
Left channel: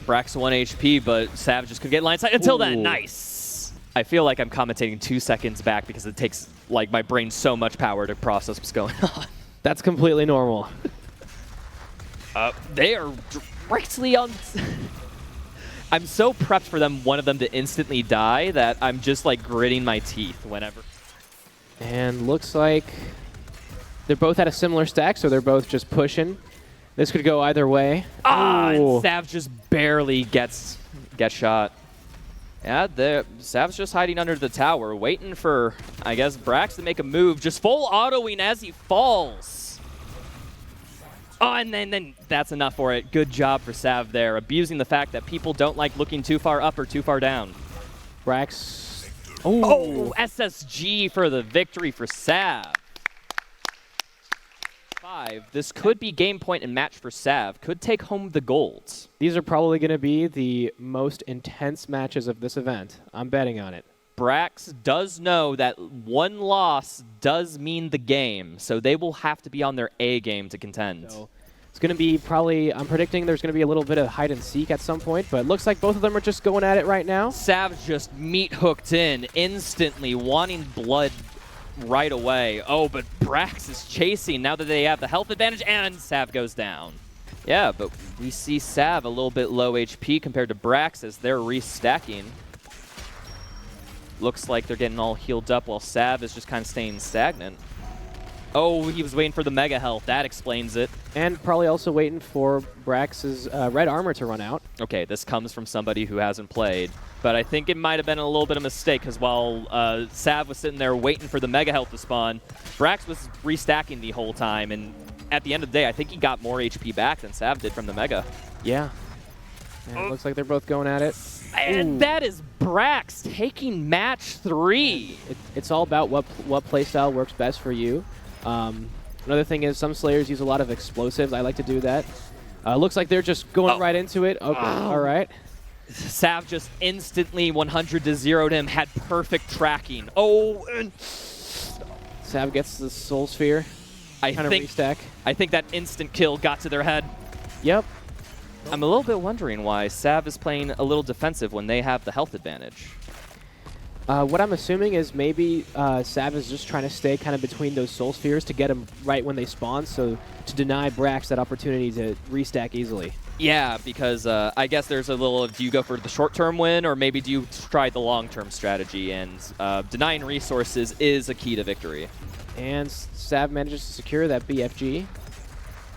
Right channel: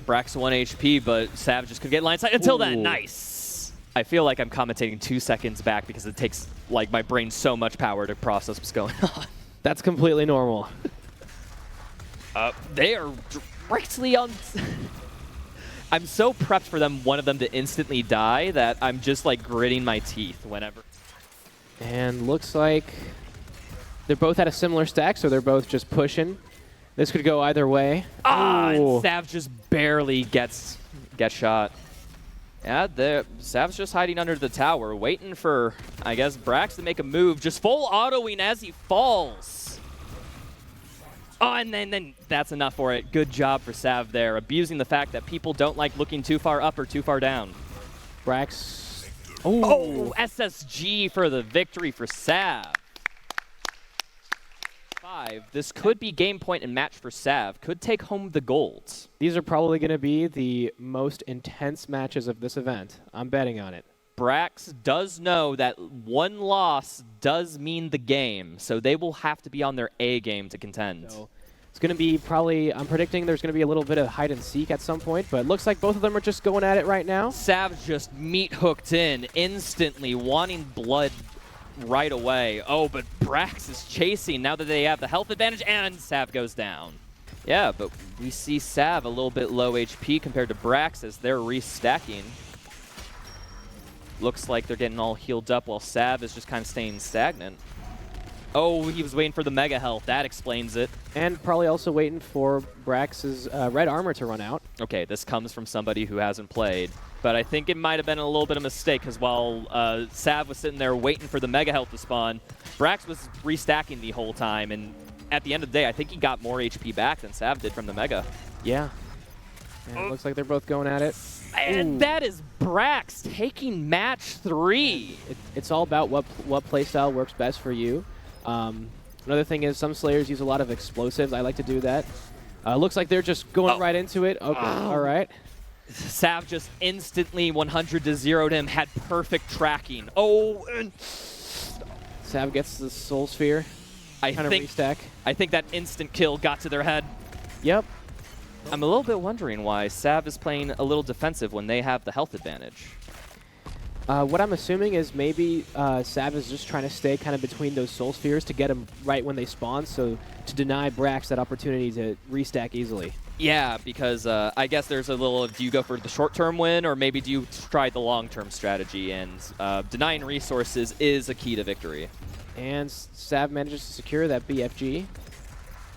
Brax 1 HP, but Sav just could get line sight until then. Nice. I feel like I'm commentating 2 seconds back because it takes like my brain so much power to process what's going on. That's completely normal. They are directly on. I'm so prepped for one of them to instantly die that I'm just like gritting my teeth whenever. And looks like they're both at a similar stack, so they're both just pushing. This could go either way. And Sav just barely gets shot. Yeah, Sav's just hiding under the tower, waiting for, I guess, Brax to make a move. Just full autoing as he falls. Oh, and then that's enough for it. Good job for Sav there, abusing the fact that people don't like looking too far up or too far down. Brax. Oh, SSG for the victory for Sav. This could be game point and match for Sav. Could take home the golds. These are probably going to be the most intense matches of this event. I'm betting on it. Brax does know that one loss does mean the game, so they will have to be on their A game to contend. So it's going to be probably, I'm predicting there's going to be a little bit of hide and seek at some point, but it looks like both of them are just going at it right now. Sav just meat hooked in instantly, wanting blood right away. Oh, but Brax is chasing now that they have the health advantage, and Sav goes down. Yeah, but we see Sav a little bit low HP compared to Brax as they're restacking. Looks like they're getting all healed up while Sav is just kind of staying stagnant. Oh, he was waiting for the mega health. That explains it. And probably also waiting for Brax's red armor to run out. Okay, this comes from somebody who hasn't played. But I think it might have been a little bit of a mistake, because while Sav was sitting there waiting for the Mega Health to spawn, Brax was restacking the whole time, and at the end of the day, I think he got more HP back than Sav did from the Mega. Yeah. And it looks like they're both going at it. And that is Brax taking match 3. It's all about what playstyle works best for you. Another thing is some Slayers use a lot of explosives. I like to do that. Looks like they're just going right into it. Okay, all right. Sav just instantly 100-0'd him, had perfect tracking. Oh, and Sav gets the Soul Sphere. I Restack. I think that instant kill got to their head. Yep. I'm a little bit wondering why Sav is playing a little defensive when they have the health advantage. What I'm assuming is maybe Sav is just trying to stay kind of between those Soul Spheres to get them right when they spawn, so to deny Brax that opportunity to restack easily. Yeah, because I guess there's a little, do you go for the short-term win, or maybe do you try the long-term strategy? And denying resources is a key to victory. And Sav manages to secure that BFG.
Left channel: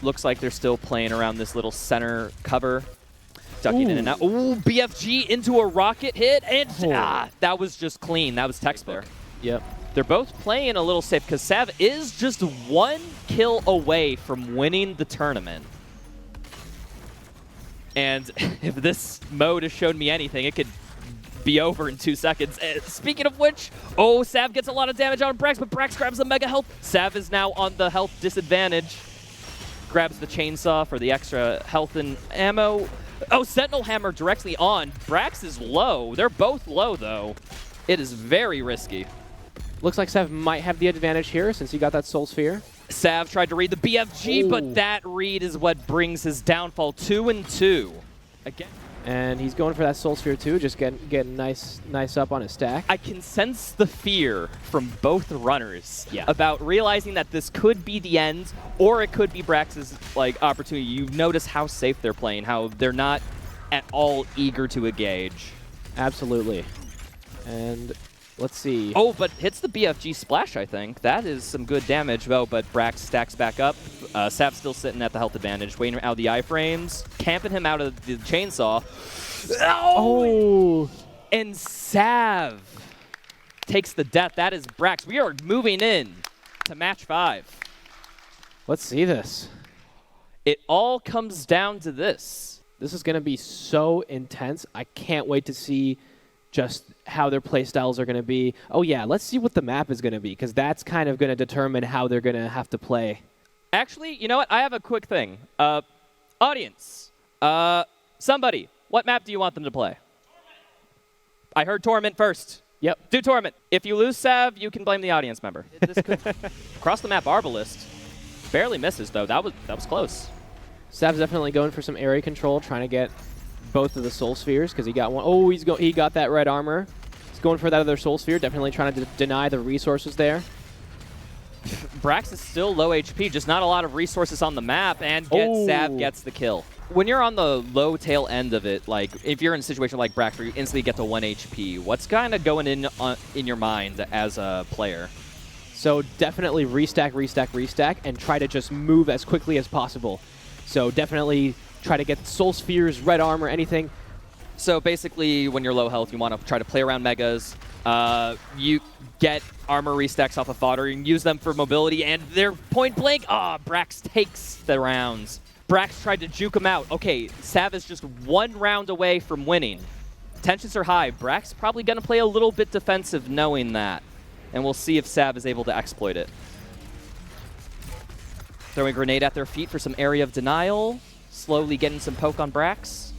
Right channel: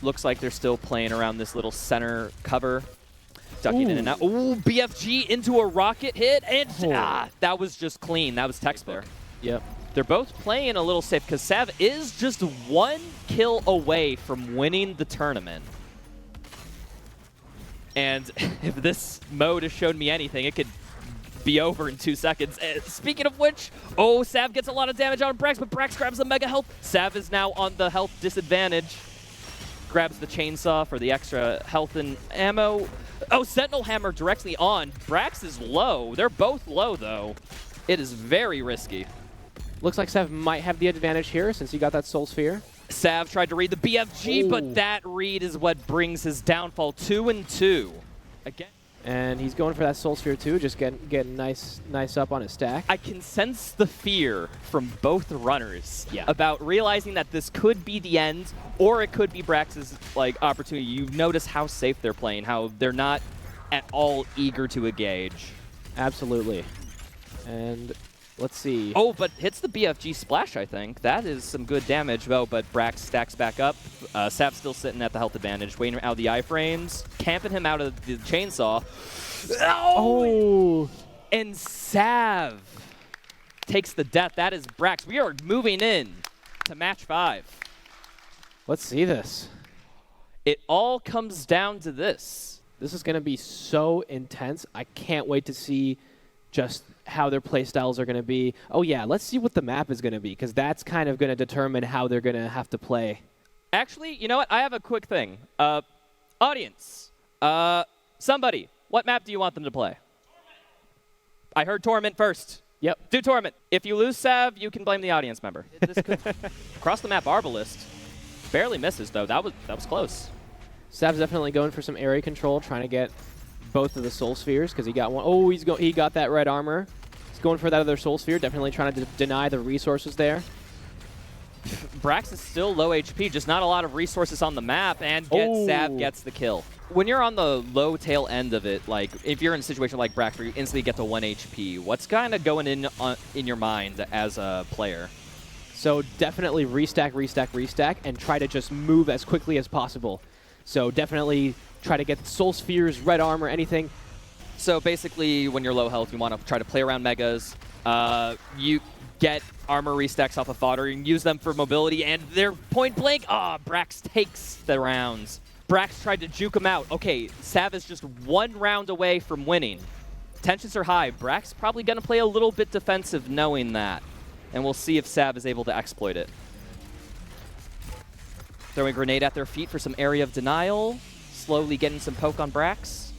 Looks like they're still playing around this little center cover. Ducking in and out. Ooh, BFG into a rocket hit, and that was just clean. That was textbook. Yep. They're both playing a little safe, because Sav is just 1 kill away from winning the tournament. And if this mode has shown me anything, it could be over in 2 seconds. Speaking of which, Sav gets a lot of damage on Brax, but Brax grabs the Mega Health. Sav is now on the health disadvantage. Grabs the chainsaw for the extra health and ammo. Sentinel Hammer directly on. Brax is low. They're both low, though. It is very risky. Looks like Sav might have the advantage here since he got that Soul Sphere. Sav tried to read the BFG, but that read is what brings his downfall. 2 and 2. Again. And he's going for that Soul Sphere too, just getting nice up on his stack. I can sense the fear from both runners about realizing that this could be the end, or it could be Brax's opportunity. You notice how safe they're playing, how they're not at all eager to engage. Absolutely. And let's see. But hits the BFG splash, I think. That is some good damage, though, but Brax stacks back up. Sav's still sitting at the health advantage, waiting out the iframes, camping him out of the chainsaw. And Sav takes the death. That is Brax. We are moving in to match 5. Let's see this. It all comes down to this. This is going to be so intense. I can't wait to see just how their play styles are going to be. Let's see what the map is going to be, because that's kind of going to determine how they're going to have to play. Actually, you know what? I have a quick thing. Audience, somebody, what map do you want them to play? I heard Torment first. Yep. Do Torment. If you lose Sav, you can blame the audience member. Across the map, Arbalist. Barely misses, though. That was close. Sav's definitely going for some area control, trying to get both of the Soul Spheres, because he got one. He got that red armor. He's going for that other Soul Sphere, definitely trying to deny the resources there. Brax is still low HP, just not a lot of resources on the map, and Sav gets the kill. When you're on the low tail end of it, if you're in a situation like Brax where you instantly get to 1 HP, what's kind of going in your mind as a player? So definitely restack, and try to just move as quickly as possible. So definitely try to get Soul Spheres, red armor, anything. So basically, when you're low health, you want to try to play around megas. You get armor restacks off of fodder and use them for mobility, and they're point blank. Brax takes the rounds. Brax tried to juke him out. Okay, Sav is just 1 round away from winning. Tensions are high. Brax probably going to play a little bit defensive knowing that, and we'll see if Sav is able to exploit it. Throwing a grenade at their feet for some area of denial. Slowly getting some poke on Brax.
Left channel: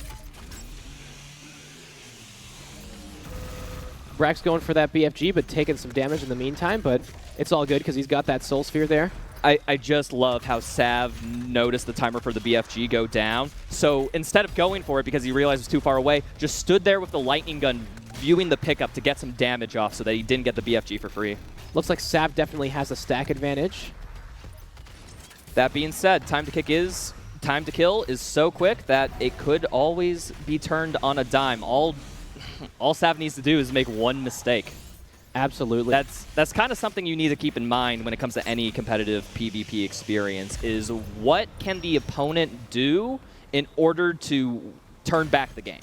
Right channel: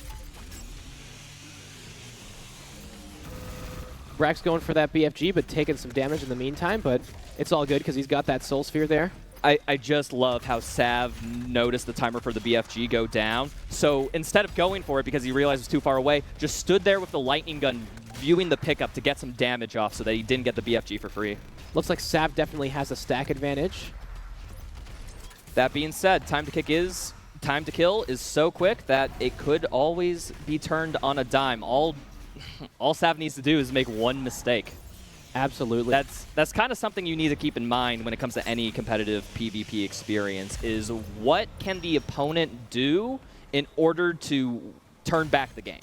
Brax going for that BFG, but taking some damage in the meantime, but it's all good because he's got that Soul Sphere there. I just love how Sav noticed the timer for the BFG go down. So instead of going for it because he realized it was too far away, just stood there with the lightning gun viewing the pickup to get some damage off so that he didn't get the BFG for free. Looks like Sav definitely has a stack advantage. That being said, time to kill is so quick that it could always be turned on a dime. All Sav needs to do is make 1 mistake. Absolutely. That's kind of something you need to keep in mind when it comes to any competitive PvP experience, is what can the opponent do in order to turn back the game.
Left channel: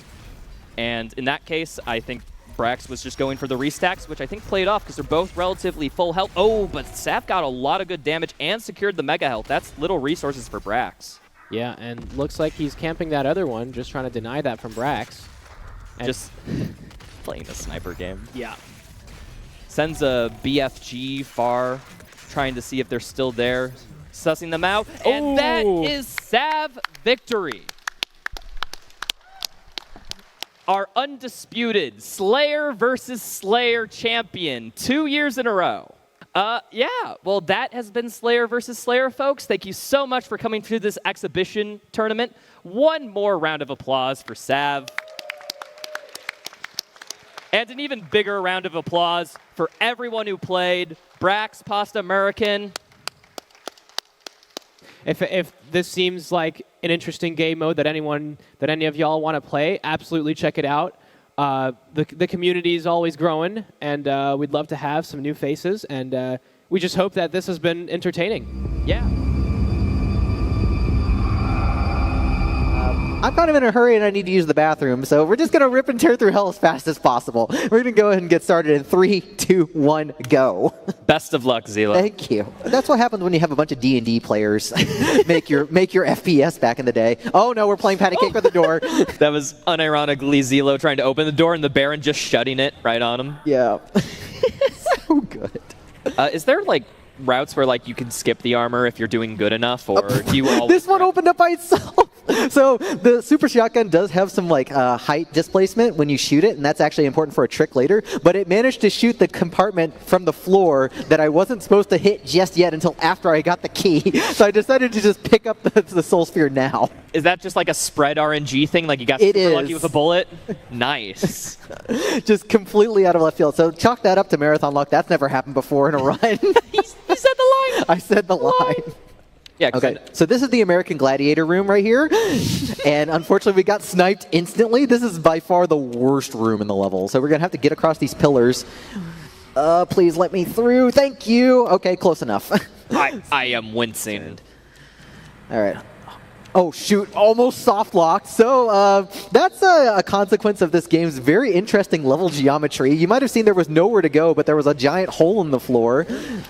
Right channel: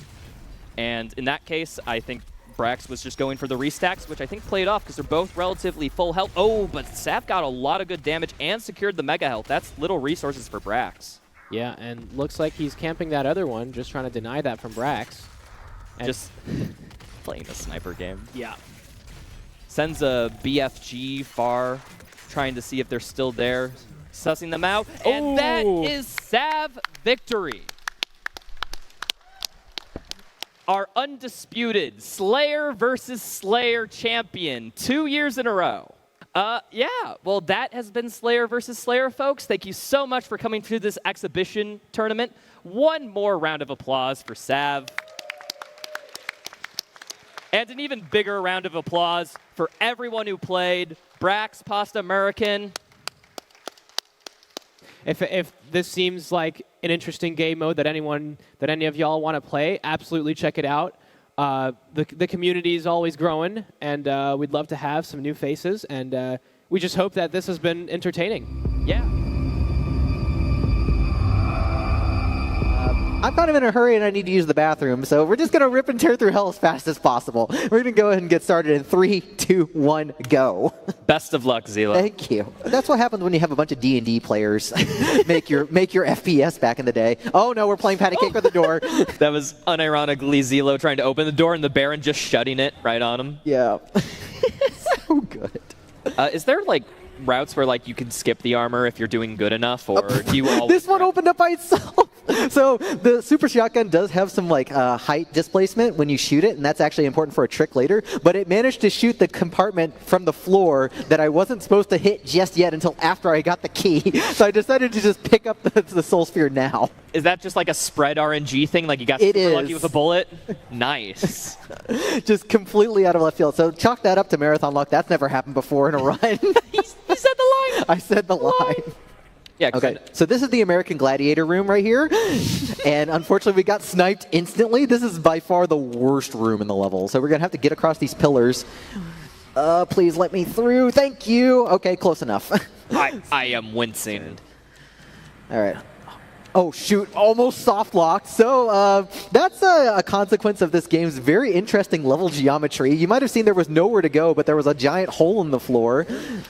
And in that case, I think Brax was just going for the restacks, which I think played off because they're both relatively full health. Oh, but Sav got a lot of good damage and secured the mega health. That's little resources for Brax. Yeah, and looks like he's camping that other one, just trying to deny that from Brax. And Just playing the sniper game. yeah. Sends a BFG far, trying to see if they're still there, sussing them out. And that Ooh. is Sav victory. Our undisputed Slayer versus Slayer champion 2 years in a row. Yeah, well, that has been Slayer versus Slayer, folks. Thank you so much for coming to this exhibition tournament. One more round of applause for Sav. And an even bigger round of applause for everyone who played. Brax, Pasta American. If this seems like an interesting game mode that any of y'all want to play, absolutely check it out. The community is always growing, and we'd love to have some new faces. And we just hope that this has been entertaining. Yeah. I'm kind of in a hurry and I need to use the bathroom, so we're just going to rip and tear through hell as fast as possible. We're going to go ahead and get started in 3, 2, 1, go. Best of luck, Zila. Thank you. That's what happens when you have a bunch of D&D players make your FPS back in the day. Oh no, we're playing patty cake with the door. That was unironically Zilo trying to open the door and the Baron just shutting it right on him. Yeah. So good. Is there like routes where like you can skip the armor if you're doing good enough, or do you all? This one opened up by itself. So the super shotgun does have some like height displacement when you shoot it, and that's actually important for a trick later. But it managed to shoot the compartment from the floor that I wasn't supposed to hit just yet until after I got the key. So I decided to just pick up the soul sphere now. Is that just like a spread RNG thing? Like you got super lucky with a bullet? Nice. Just completely out of left field. So chalk that up to marathon luck. That's never happened before in a run. You said the line. I said the line. Yeah. Okay, so this is the American Gladiator room right here, and unfortunately we got sniped instantly. This is by far the worst room in the level, so we're going to have to get across these pillars. Please let me through. Thank you. Okay, close enough. I am wincing. All right. Oh, shoot. Almost soft locked. So that's a consequence of this game's very interesting level geometry. You might have seen there was nowhere to go, but there was a giant hole in the floor.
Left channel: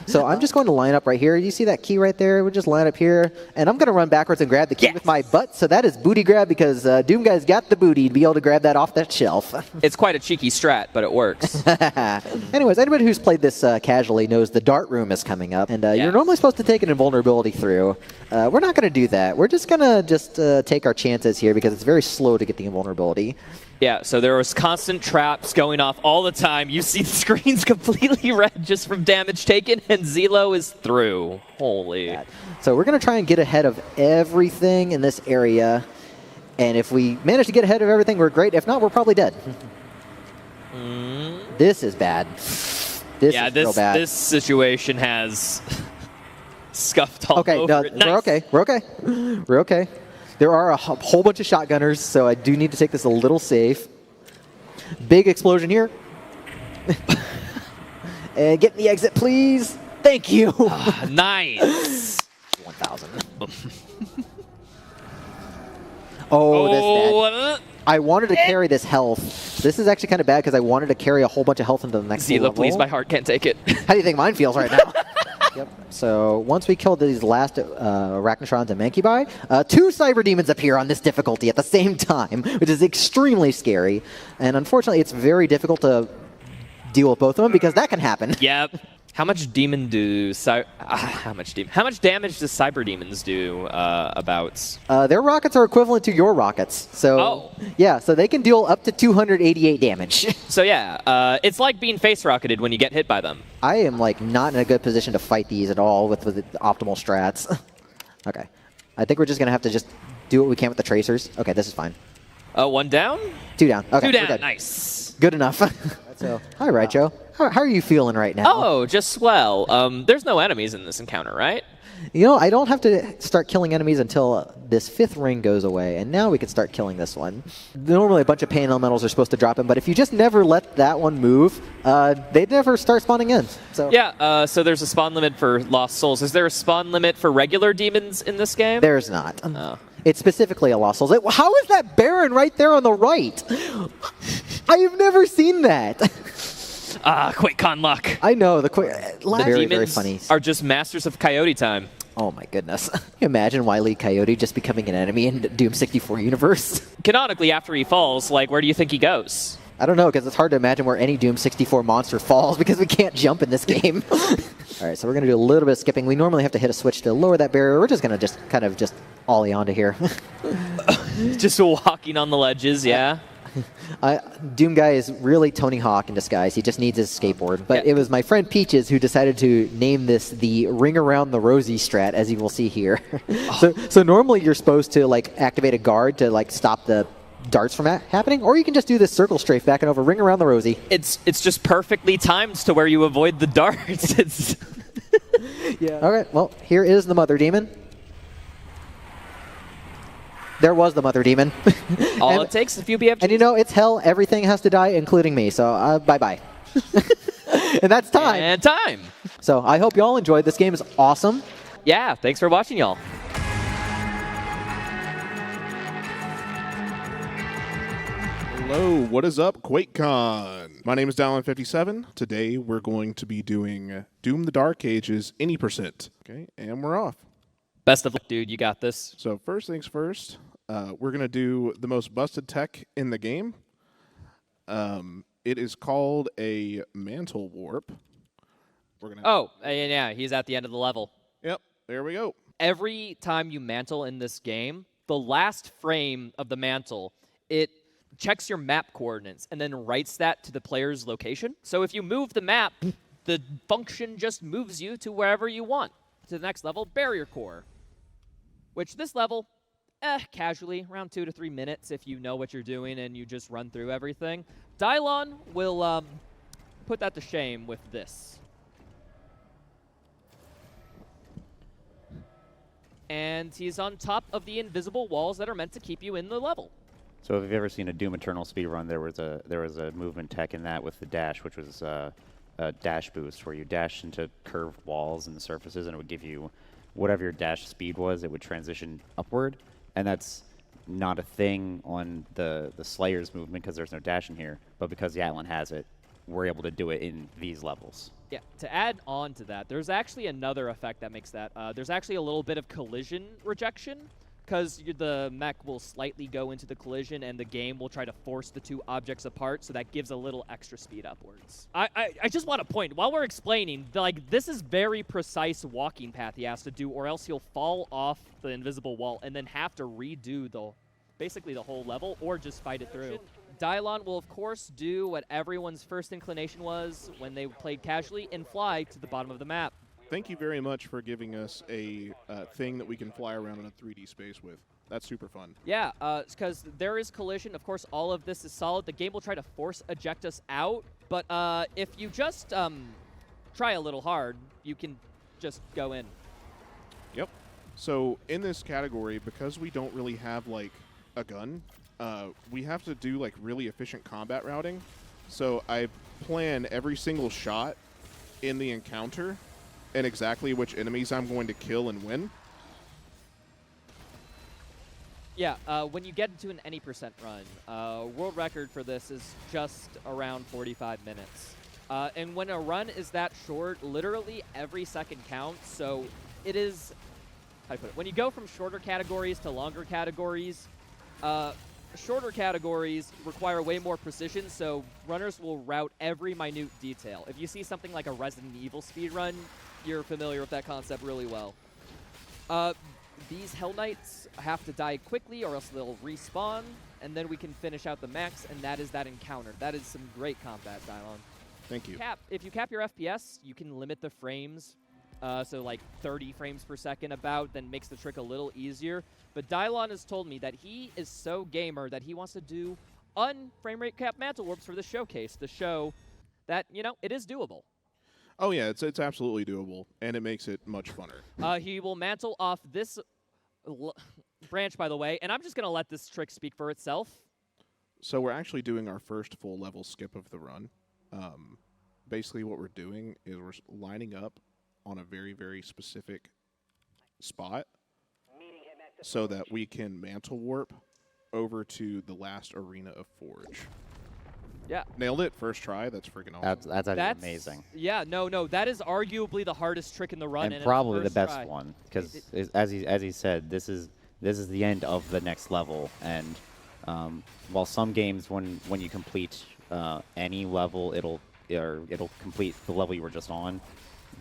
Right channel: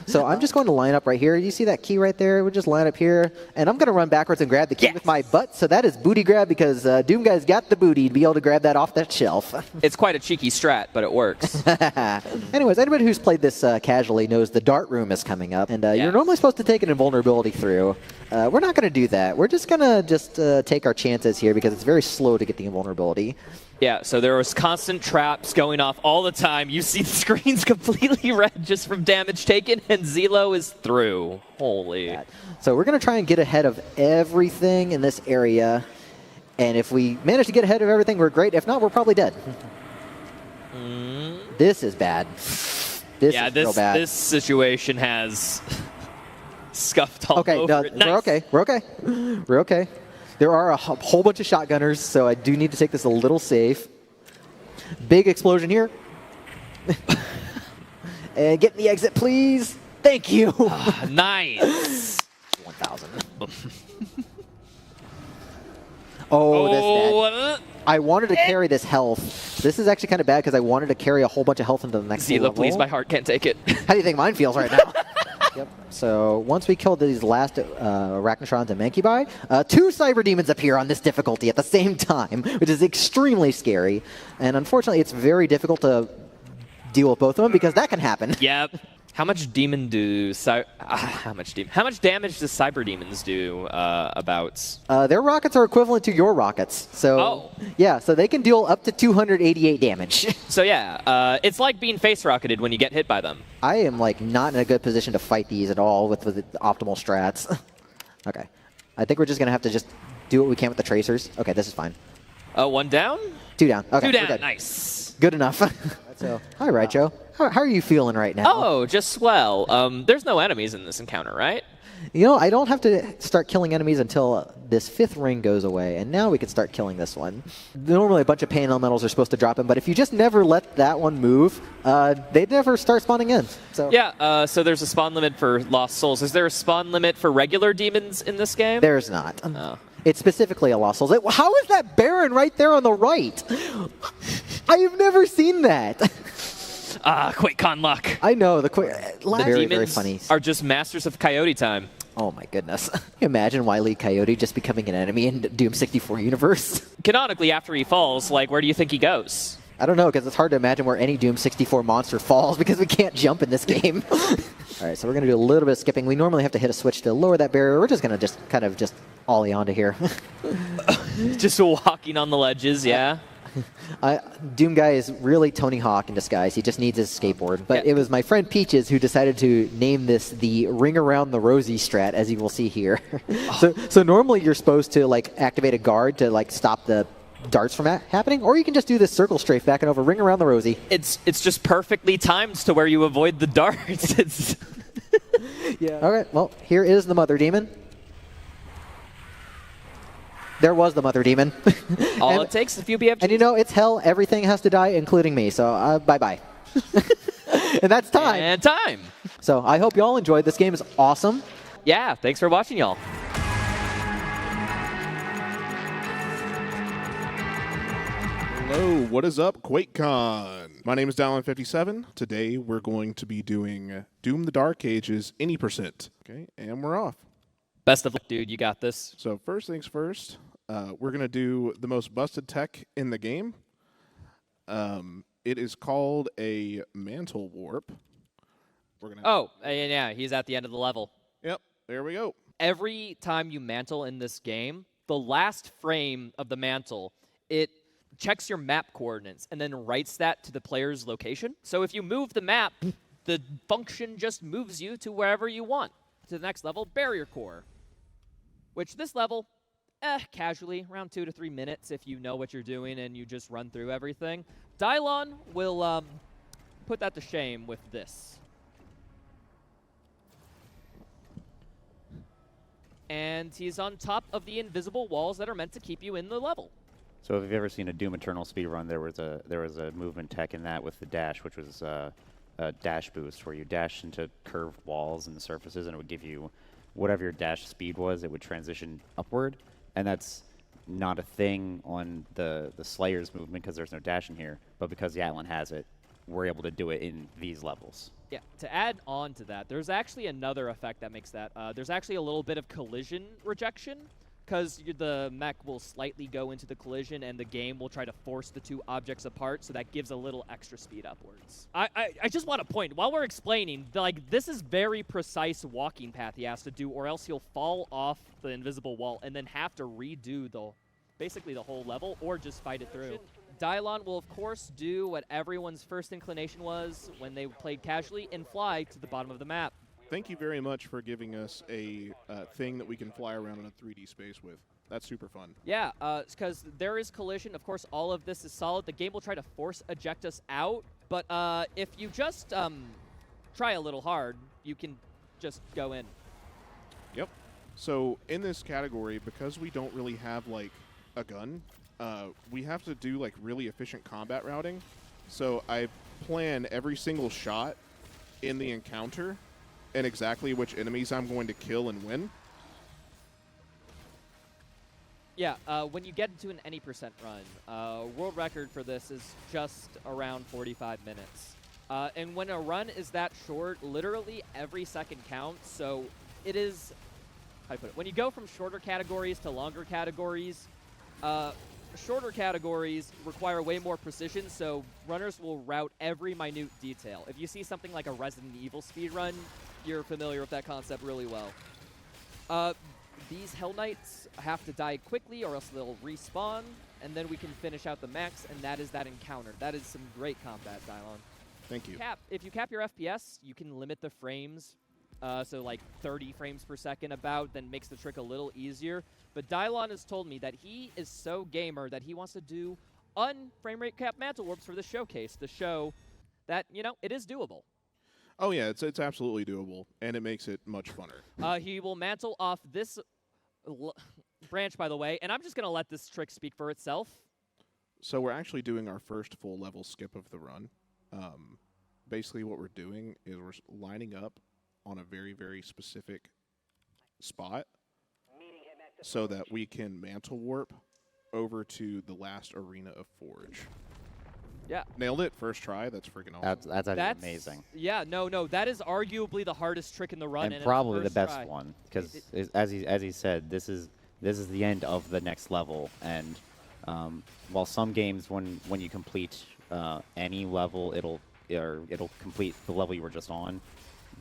So I'm just going to line up right here. You see that key right there? We'll just line up here. And I'm going to run backwards and grab the key with my butt. So that is booty grab because Doom Guy's got the booty to be able to grab that off that shelf. It's quite a cheeky strat, but it works. Anyways, anybody who's played this casually knows the dart room is coming up. And you're normally supposed to take an invulnerability through. We're not going to do that. We're just going to take our chances here because it's very slow to get the invulnerability. Yeah, so there was constant traps going off all the time. You see the screen's completely red just from damage taken, and Zilo is through. Holy. So we're going to try and get ahead of everything in this area. And if we manage to get ahead of everything, we're great. If not, we're probably dead. This is bad. This is real bad. This situation has scuffed all over no, it. Nice. We're okay. We're okay. We're okay. There are a whole bunch of shotgunners, so I do need to take this a little safe. Big explosion here. And get in the exit, please. Thank you. Nice. 1,000. Oh, that's bad. I wanted to carry this health. This is actually kind of bad because I wanted to carry a whole bunch of health into the next level. Zila, please, my heart can't take it. How do you think mine feels right now? Yep. So once we kill these last Arachnotrons and Mancubi, 2 Cyber Demons appear on this difficulty at the same time, which is extremely scary. And unfortunately, it's very difficult to deal with both of them because that can happen. Yep. How much demon do how much damage does Cyber Demons do about? Their rockets are equivalent to your rockets. So yeah, so they can deal up to 288 damage. So yeah, it's like being face rocketed when you get hit by them. I am like not in a good position to fight these at all with the optimal strats. Okay. I think we're just going to have to just do what we can with the tracers. Okay, this is fine. 1 down? 2 down. Okay, 2 down, good. Nice. Good enough. So, hi, Raicho. How are you feeling right now? Oh, just swell. There's no enemies in this encounter, right? You know, I don't have to start killing enemies until this 5th ring goes away, and now we can start killing this one. Normally a bunch of pain elementals are supposed to drop in, but if you just never let that one move, they never start spawning in. So yeah, so there's a spawn limit for Lost Souls. Is there a spawn limit for regular demons in this game? There's not. Oh. It's specifically a Lost Souls. How is that Baron right there on the right? I have never seen that. Quakecon luck. I know, the very, very Demons funny. are just masters of coyote time. Oh my goodness. Can you imagine Wile E. Coyote just becoming an enemy in Doom 64 universe? Canonically, after he falls, like, where do you think he goes? I don't know, because it's hard to imagine where any Doom 64 monster falls because we can't jump in this game. All right, so we're going to do a little bit of skipping. We normally have to hit a switch to lower that barrier. We're just going to kind of ollie onto here. Just walking on the ledges, yeah. Doom Guy is really Tony Hawk in disguise. He just needs his skateboard. But it was my friend Peaches who decided to name this the Ring Around the Rosie strat, as you will see here. So normally you're supposed to like activate a guard to like stop the darts from happening, or you can just do this circle strafe back and over, Ring Around the Rosie. It's just perfectly timed to where you avoid the darts. Yeah. All right. Well, here is the Mother Demon. There was the Mother Demon. All it takes is a few BFGs. And you know, it's hell. Everything has to die, including me. So bye-bye. And that's time. And time. So I hope you all enjoyed. This game is awesome. Yeah, thanks for watching, y'all. Hello, what is up, Quakecon? My name is Dallin57. Today we're going to be doing Doom the Dark Ages any %. Okay, and we're off. Best of luck, dude. You got this. So first things first, we're going to do the most busted tech in the game. It is called a mantle warp. We're gonna yeah, he's at the end of the level. Yep, there we go. Every time you mantle in this game, the last frame of the mantle, it checks your map coordinates and then writes that to the player's location. So if you move the map, the function just moves you to wherever you want. To the next level, Barrier Core, which this level, casually, around 2 to 3 minutes if you know what you're doing and you just run through everything. Dylon will put that to shame with this. And he's on top of the invisible walls that are meant to keep you in the level. So if you've ever seen a Doom Eternal speedrun, there was a movement tech in that with the dash, which was a dash boost, where you dash into curved walls and surfaces, and it would give you whatever your dash speed was. It would transition upward, and that's not a thing on the Slayer's movement because there's no dash in here. But because Yatlin has it, we're able to do it in these levels. Yeah, to add on to that, there's actually another effect that makes that. There's actually a little bit of collision rejection, because the mech will slightly go into the collision and the game will try to force the two objects apart, so that gives a little extra speed upwards. I just want to point, while we're explaining, like, this is very precise walking path he has to do, or else he'll fall off the invisible wall and then have to redo basically the whole level, or just fight it through. Dylon will, of course, do what everyone's first inclination was when they played casually and fly to the bottom of the map. Thank you very much for giving us a thing that we can fly around in a 3D space with. That's super fun. Yeah, because there is collision. Of course, all of this is solid. The game will try to force eject us out, but if you just try a little hard, you can just go in. Yep. So in this category, because we don't really have, like, a gun, we have to do, like, really efficient combat routing. So I plan every single shot in the encounter and exactly which enemies I'm going to kill and when. Yeah, when you get into an any % run, world record for this is just around 45 minutes. And when a run is that short, literally every second counts. So it is, how do I put it? When you go from shorter categories to longer categories, shorter categories require way more precision, so runners will route every minute detail. If you see something like a Resident Evil speedrun, you're familiar with that concept really well. These Hell Knights have to die quickly or else they'll respawn, and then we can finish out the max, and that is that encounter. That is some great combat, Dylon. Thank you. If you cap your FPS, you can limit the frames, so like 30 frames per second about, then makes the trick a little easier. But Dylon has told me that he is so gamer that he wants to do un-frame rate cap mantle warps for the showcase to show that, you know, it is doable. Oh, yeah, it's absolutely doable, and it makes it much funner. He will mantle off this branch, by the way, and I'm just going to let this trick speak for itself. So we're actually doing our first full level skip of the run. Basically what we're doing is we're lining up on a very, very specific spot. so that we can mantle warp over to the last arena of Forge. Yeah. Nailed it. First try. That's freaking awesome. That's actually amazing. Yeah, no, that is arguably the hardest trick in the run. And probably the first best try. one, because as he said, this is the end of the next level. And while some games, when you complete any level, it'll complete the level you were just on.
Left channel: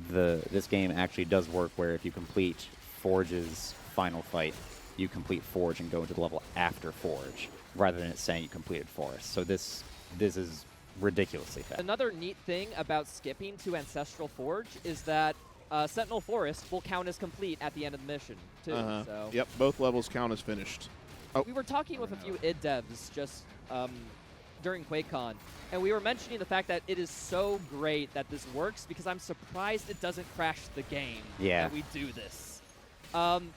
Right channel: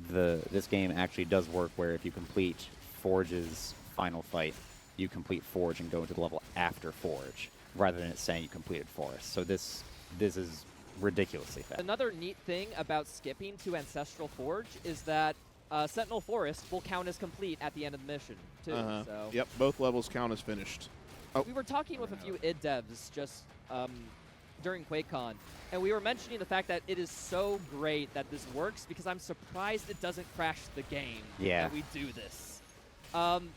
This game actually does work where if you complete Forge's final fight, you complete Forge and go into the level after Forge, rather than it saying you completed Forest. So this is ridiculously fast. Another neat thing about skipping to Ancestral Forge is that Sentinel Forest will count as complete at the end of the mission, too. So. Yep, both levels count as finished. Oh. We were talking with a few id devs just during Quakecon, and we were mentioning the fact that it is so great that this works because I'm surprised it doesn't crash the game that we do this.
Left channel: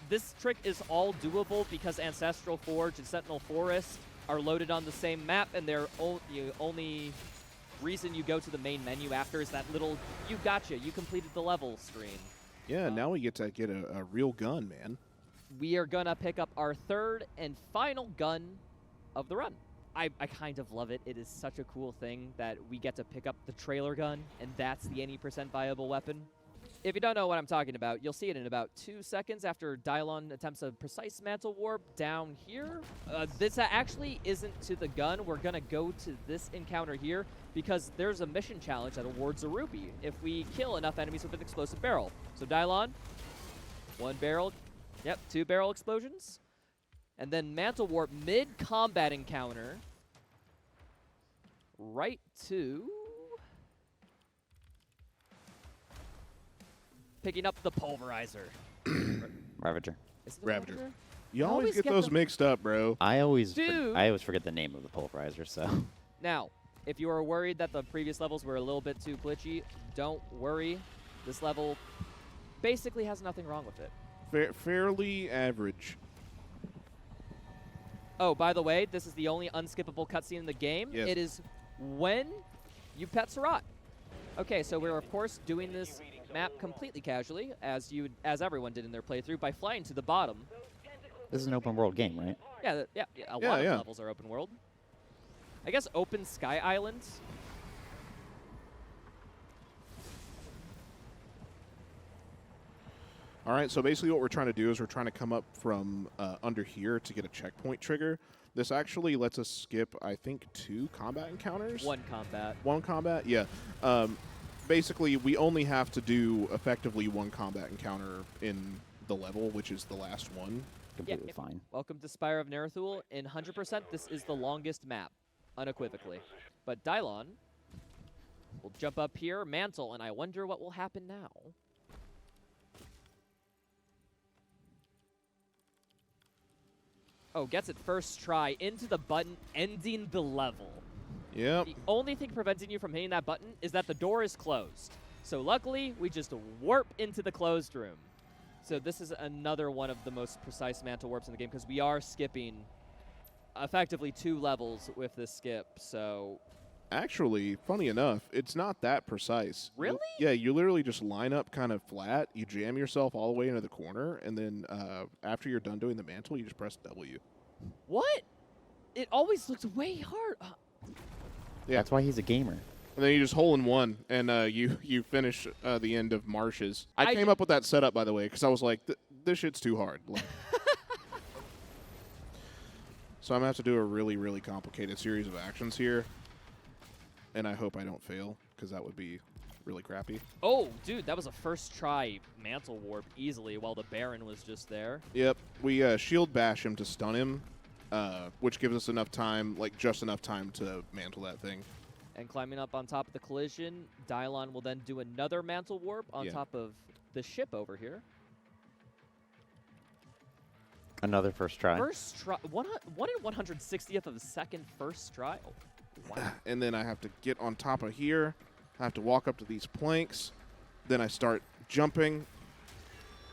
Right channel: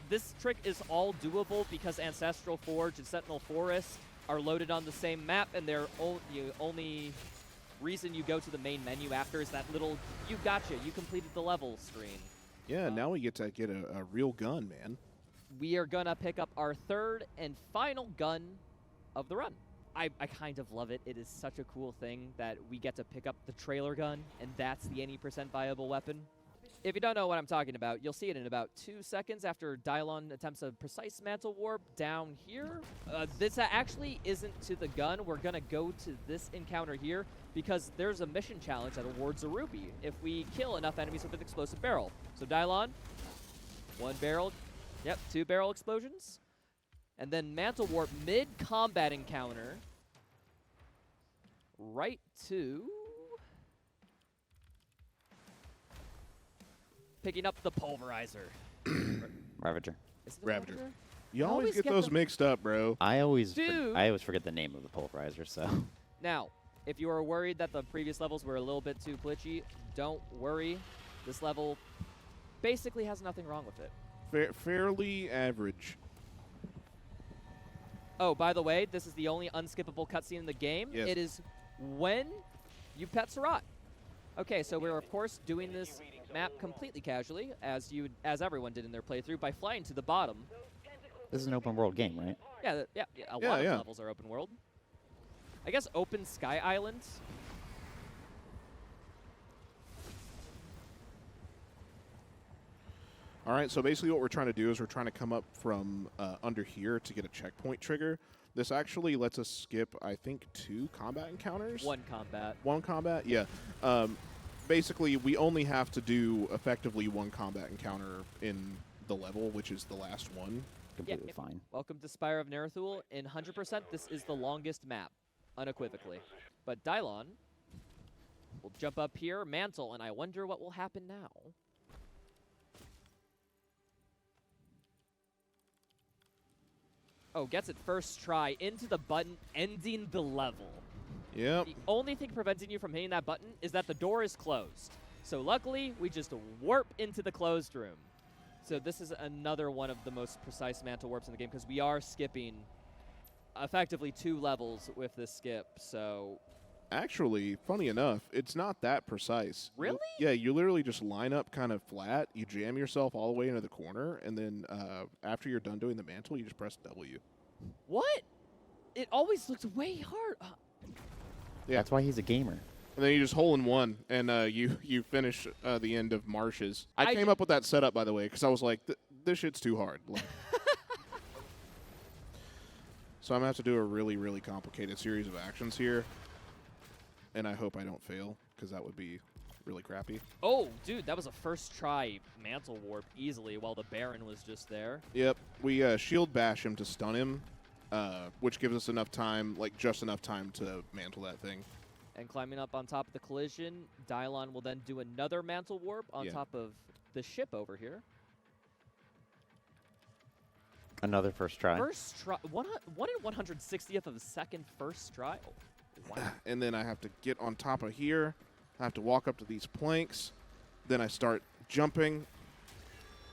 This trick is all doable because Ancestral Forge and Sentinel Forest are loaded on the same map, and the only reason you go to the main menu after is that little "you gotcha, you completed the level" screen. Yeah, now we get to get a real gun, man. We are going to pick up our third and final gun of the run. I kind of love it. It is such a cool thing that we get to pick up the trailer gun, and that's the any % viable weapon. If you don't know what I'm talking about, you'll see it in about 2 seconds after Dylon attempts a precise mantle warp down here. This actually isn't to the gun. We're going to go to this encounter here because there's a mission challenge that awards a rupee if we kill enough enemies with an explosive barrel. So Dylon, 1 barrel, 2 barrel explosions. And then mantle warp mid-combat encounter right to... picking up the pulverizer. Ravager. Is it the Ravager. You always get those mixed up, bro. I always forget the name of the pulverizer, so. Now, if you are worried that the previous levels were a little bit too glitchy, don't worry. This level basically has nothing wrong with it. Fairly average. Oh, by the way, this is the only unskippable cutscene in the game. Yes. It is when you pet Sarat. Okay, so we're of course doing this map completely casually, as everyone did in their playthrough, by flying to the bottom. This is an open world game, right? Yeah, a lot of levels are open world. I guess open Sky Islands. All right, so basically what we're trying to do is we're trying to come up from under here to get a checkpoint trigger. This actually lets us skip, I think, 2 combat encounters. 1 combat. 1 combat, yeah. Basically, we only have to do effectively 1 combat encounter in the level, which is the last one. Completely fine. Welcome to Spire of Nerethul. In 100%, this is the longest map, unequivocally. But Dylon will jump up here, mantle, and I wonder what will happen now. Oh, gets it first try into the button, ending the level. Yep. The only thing preventing you from hitting that button is that the door is closed. So luckily, we just warp into the closed room. So this is another one of the most precise mantle warps in the game because we are skipping effectively 2 levels with this skip. So actually, funny enough, it's not that precise. Really? Yeah, you literally just line up kind of flat, you jam yourself all the way into the corner, and then after you're done doing the mantle, you just press W. What? It always looks way hard. Yeah. That's why he's a gamer. And then you just hole in one, and you finish the end of Marshes. I came up with that setup, by the way, because I was like, this shit's too hard. Like, so I'm going to have to do a really, really complicated series of actions here. And I hope I don't fail, because that would be really crappy. Oh, dude, that was a first try mantle warp easily while the Baron was just there. Yep. We shield bash him to stun him, which gives us enough time, like just enough time to mantle that thing. And climbing up on top of the collision, Dylon will then do another mantle warp on top of the ship over here. Another first try. First try. 1 in 160th of a second first try. Oh, wow. And then I have to get on top of here. I have to walk up to these planks. Then I start jumping.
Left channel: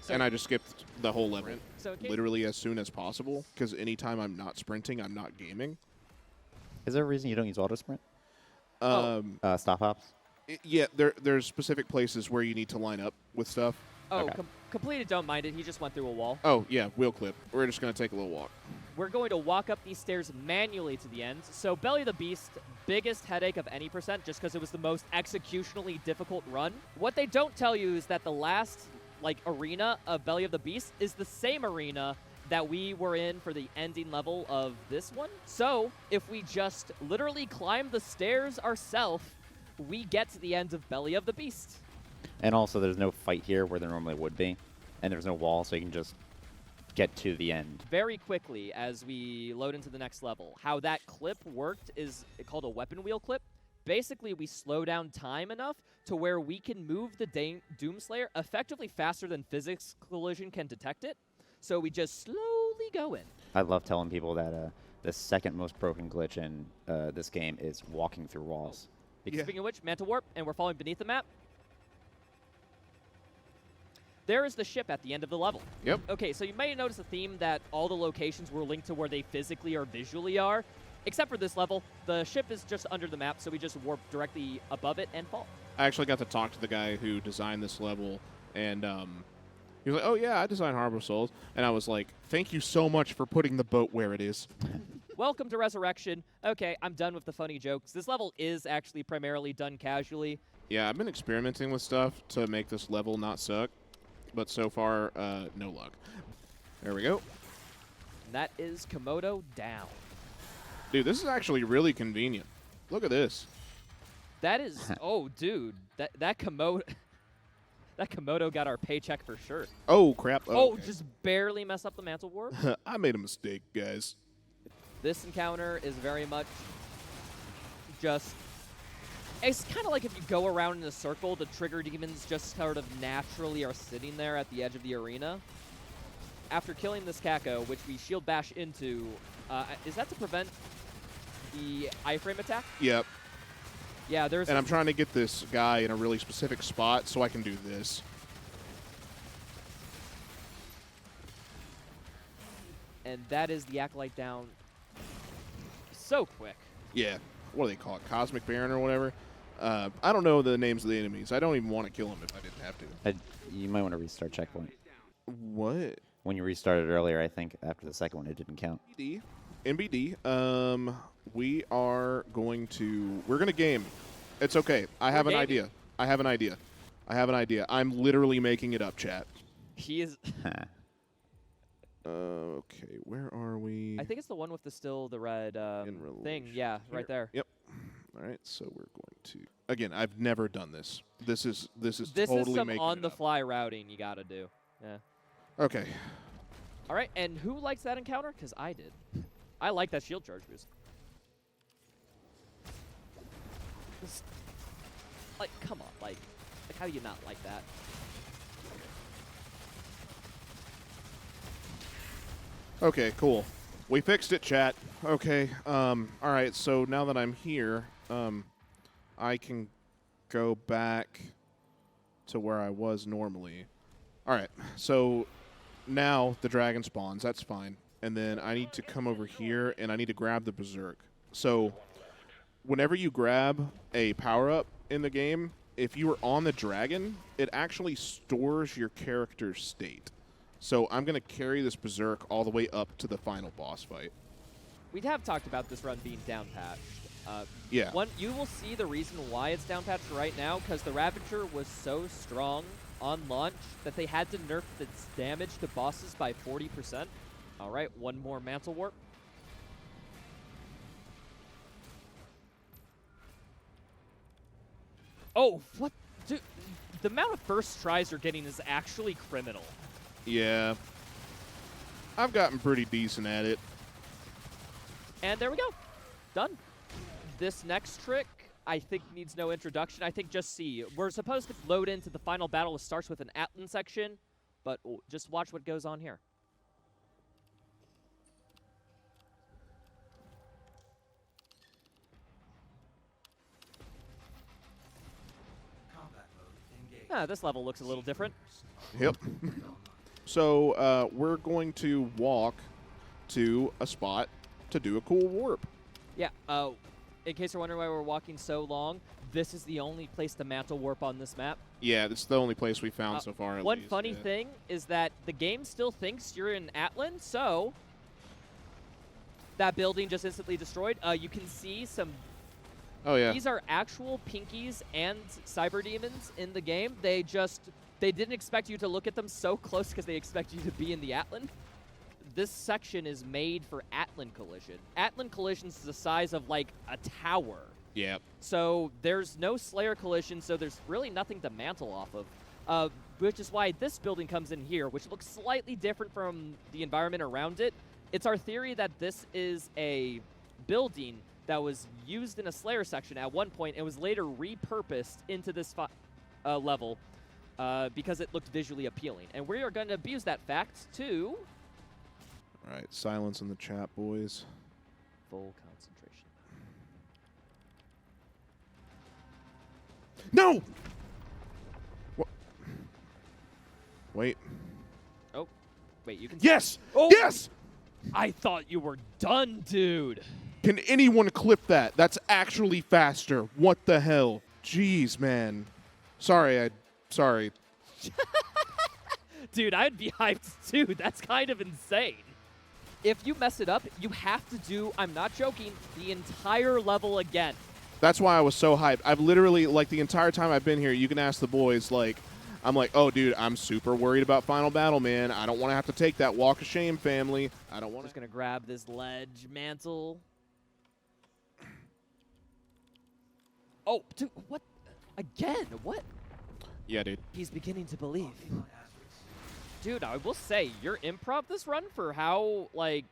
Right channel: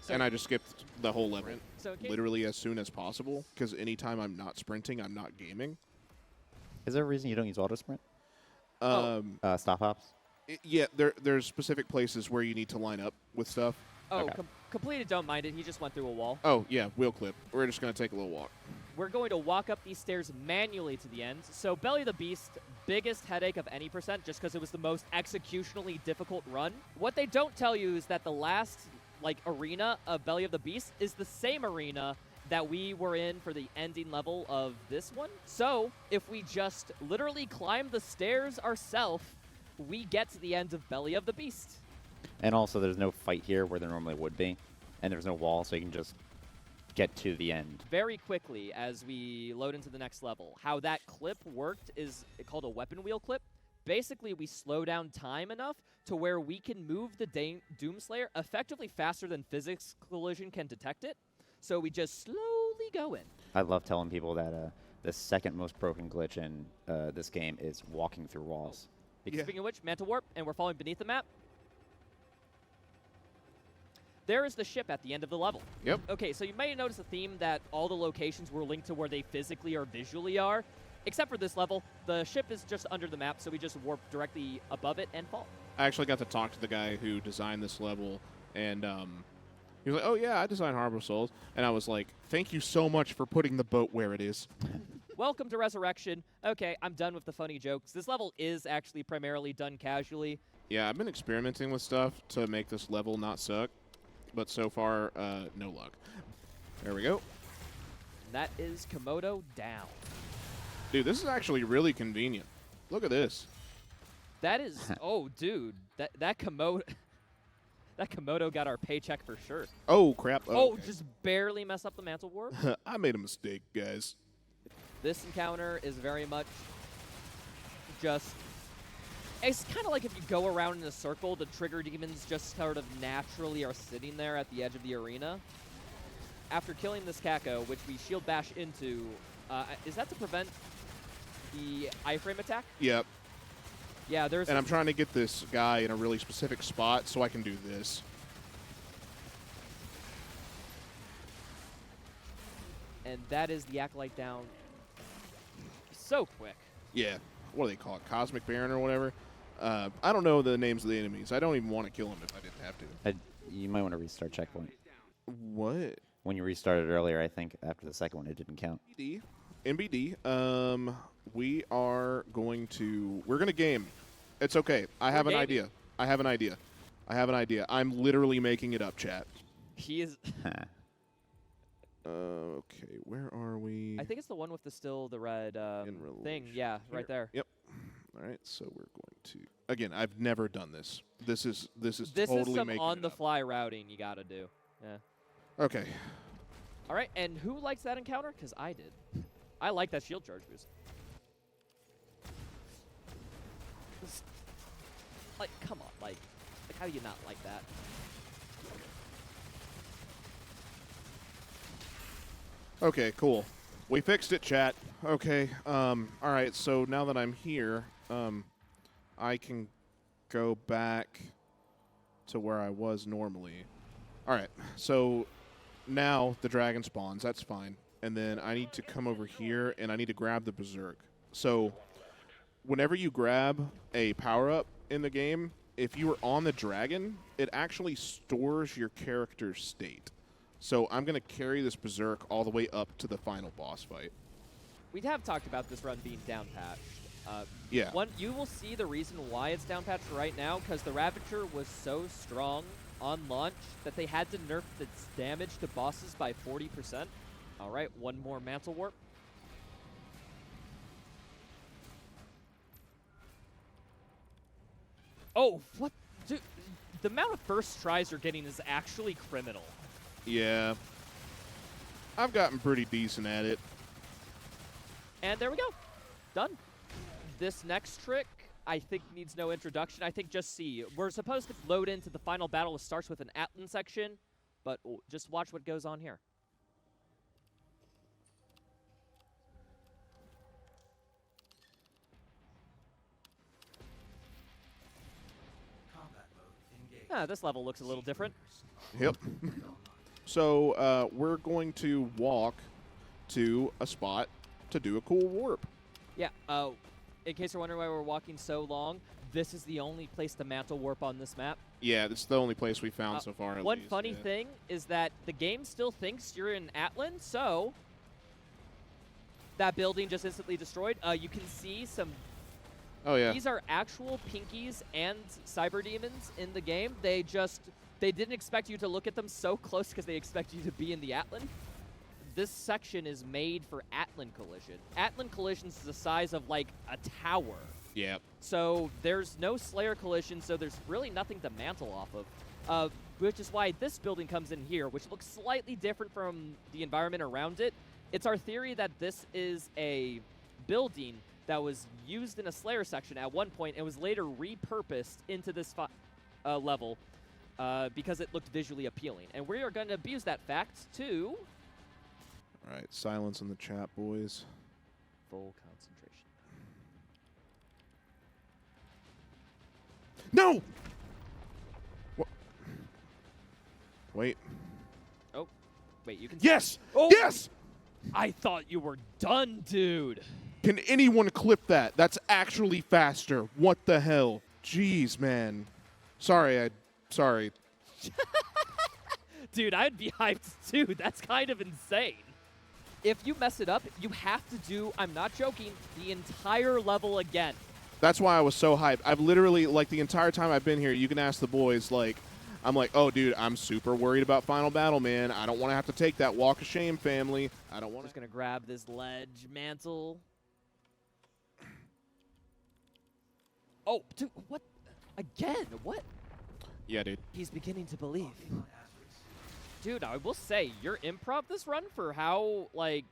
And I just skipped the whole level. So literally as soon as possible. Because anytime I'm not sprinting, I'm not gaming. Is there a reason you don't use auto sprint? Stop hops? Yeah, there's specific places where you need to line up with stuff. Oh, Okay. completed, don't mind it. He just went through a wall. Oh, yeah, wheel clip. We're just going to take a little walk. We're going to walk up these stairs manually to the end. So Belly of the Beast, biggest headache of any percent, just because it was the most executionally difficult run. What they don't tell you is that the last arena of Belly of the Beast is the same arena that we were in for the ending level of this one. So if we just literally climb the stairs ourselves, we get to the end of Belly of the Beast. And also, there's no fight here where there normally would be, and there's no wall, so you can just get to the end. Very quickly as we load into the next level. How that clip worked is called a weapon wheel clip. Basically, we slow down time enough to where we can move the Doomslayer effectively faster than physics collision can detect it. So we just slowly go in. I love telling people that the second most broken glitch in this game is walking through walls. Speaking of which, Mantle Warp, and we're falling beneath the map. There is the ship at the end of the level. Yep. Okay, so you may notice a theme that all the locations were linked to where they physically or visually are. Except for this level, the ship is just under the map, so we just warp directly above it and fall. I actually got to talk to the guy who designed this level, and he was like, oh, yeah, I designed Harbor of Souls. And I was like, thank you so much for putting the boat where it is. Welcome to Resurrection. Okay, I'm done with the funny jokes. This level is actually primarily done casually. Yeah, I've been experimenting with stuff to make this level not suck, but so far, no luck. There we go. And that is Komodo down. Dude, this is actually really convenient. Look at this. That is, oh, dude, that Komodo, that Komodo got our paycheck for sure. Oh, crap. Oh, okay. just barely mess up the Mantle Warp. I made a mistake, guys. This encounter is very much just, it's kind of like if you go around in a circle, the trigger demons just sort of naturally are sitting there at the edge of the arena. After killing this Kako, which we shield bash into, is that to prevent the iframe attack? Yep. Yeah, there's... And I'm trying to get this guy in a really specific spot so I can do this. And that is the Acolyte down so quick. Yeah. What do they call it? Cosmic Baron or whatever? I don't know the names of the enemies. I don't even want to kill them if I didn't have to. You might want to restart checkpoint. What? When you restarted earlier, I think after the second one, it didn't count. NBD. We are going to... We're going to game. It's okay. I have an idea. I'm literally making it up, chat. He is... Okay, where are we? I think it's the one with the red thing. Yeah, Here. right there. Yep. All right, so we're going to... Again, I've never done this. This is This totally is some making on-the-fly routing you got to do. Yeah. Okay. All right, and who likes that encounter? Because I did. I like that shield charge boost. Just, come on, how do you not like that? Okay, cool. We fixed it, chat. Okay. All right, so now that I'm here, I can go back to where I was normally. All right, so now the dragon spawns. That's fine. And then I need to come over here, and I need to grab the Berserk. So whenever you grab a power-up in the game, if you are on the dragon, it actually stores your character's state. So I'm going to carry this Berserk all the way up to the final boss fight. We have talked about this run being down-patched. Yeah. You will see the reason why it's down-patched right now, because the Ravager was so strong on launch that they had to nerf its damage to bosses by 40%. All right, one more Mantle Warp. Oh, what? Dude, the amount of first tries you're getting is actually criminal. Yeah. I've gotten pretty decent at it. And there we go. Done. This next trick, I think, needs no introduction. I think just see. We're supposed to load into the final battle. It starts with an Atlan section, but just watch what goes on here. This level looks a little different. Yep. So we're going to walk to a spot to do a cool warp. Yeah. In case you're wondering why we're walking so long, this is the only place to mantle warp on this map. Yeah, this is the only place we found so far. At One least, funny yeah. thing is that the game still thinks you're in Atlan, so that building just instantly destroyed. You can see some. Oh yeah. These are actual Pinkies and Cyber Demons in the game. They didn't expect you to look at them so close because they expect you to be in the Atlan. This section is made for Atlan collision. Atlan collisions is the size of like a tower. Yeah. So there's no Slayer collision, so there's really nothing to mantle off of, which is why this building comes in here, which looks slightly different from the environment around it. It's our theory that this is a building that was used in a Slayer section at one point and was later repurposed into this level because it looked visually appealing. And we are going to abuse that fact to... All right, silence in the chat, boys. Full concentration. No! What? Wait. Oh, wait, you can... Yes! Oh! Yes! I thought you were done, dude. Can anyone clip that? That's actually faster. What the hell? Jeez, man. Sorry. Dude, I'd be hyped too. That's kind of insane. If you mess it up, you have to do, I'm not joking, the entire level again. That's why I was so hyped. I've literally, like, the entire time I've been here, you can ask the boys, like, I'm like, oh, dude, I'm super worried about Final Battle, man. I don't want to have to take that walk of shame, family. I don't want to. Just going to grab this ledge mantle. Oh, dude, what? Again? What? Yeah, dude. He's beginning to believe. Dude, I will say, your improv this run for how, like...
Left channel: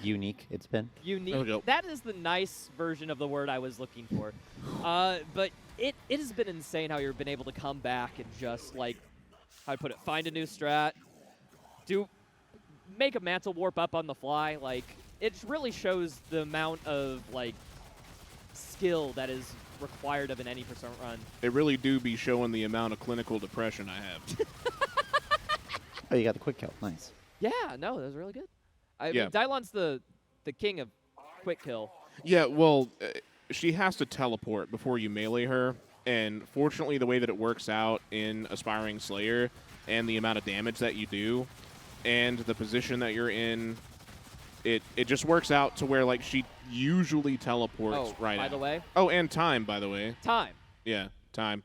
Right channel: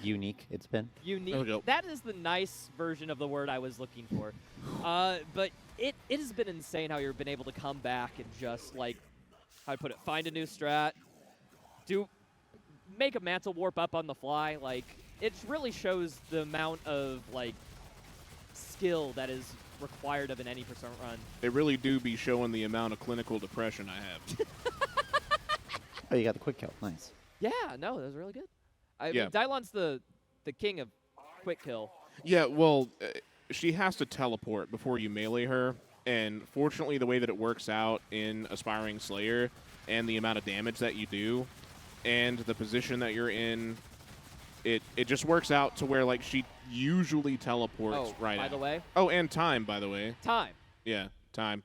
Unique it's been. There we go. Unique. That is the nice version of the word I was looking for. But it has been insane how you've been able to come back and just, like, how to put it, find a new strat, make a mantle warp up on the fly. Like, it really shows the amount of, like, skill that is required of an any percent run. It really do be showing the amount of clinical depression I have. Oh, you got the quick kill. Nice. Yeah, no, that was really good. I Yeah. mean, Dylon's the king of quick kill. Yeah, well, she has to teleport before you melee her, and fortunately the way that it works out in Aspiring Slayer and the amount of damage that you do and the position that you're in, it just works out to where, like, she usually teleports right by out. the way. Oh, and time, by the way. Time. Yeah, time.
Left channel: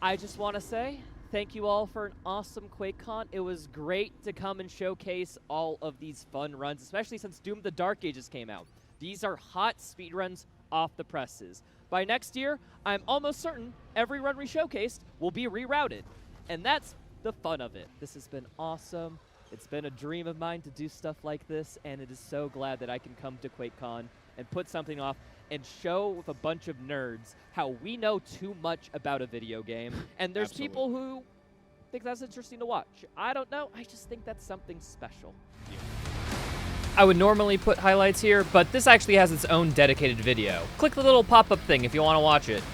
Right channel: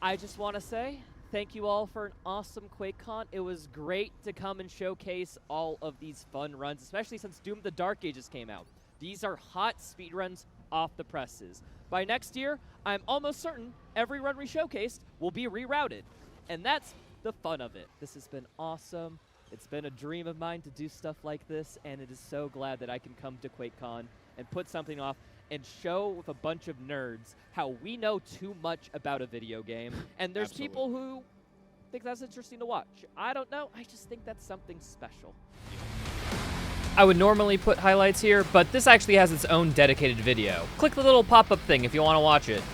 I just want to say thank you all for an awesome Quakecon. It was great to come and showcase all of these fun runs, especially since Doom the Dark Ages came out. These are hot speedruns off the presses. By next year, I'm almost certain every run we showcased will be rerouted. And that's the fun of it. This has been awesome. It's been a dream of mine to do stuff like this, and it is so glad that I can come to Quakecon and put something off and show with a bunch of nerds how we know too much about a video game. And there's people who think that's interesting to watch. I don't know. I just think that's something special. I would normally put highlights here, but this actually has its own dedicated video. Click the little pop-up thing if you want to watch it.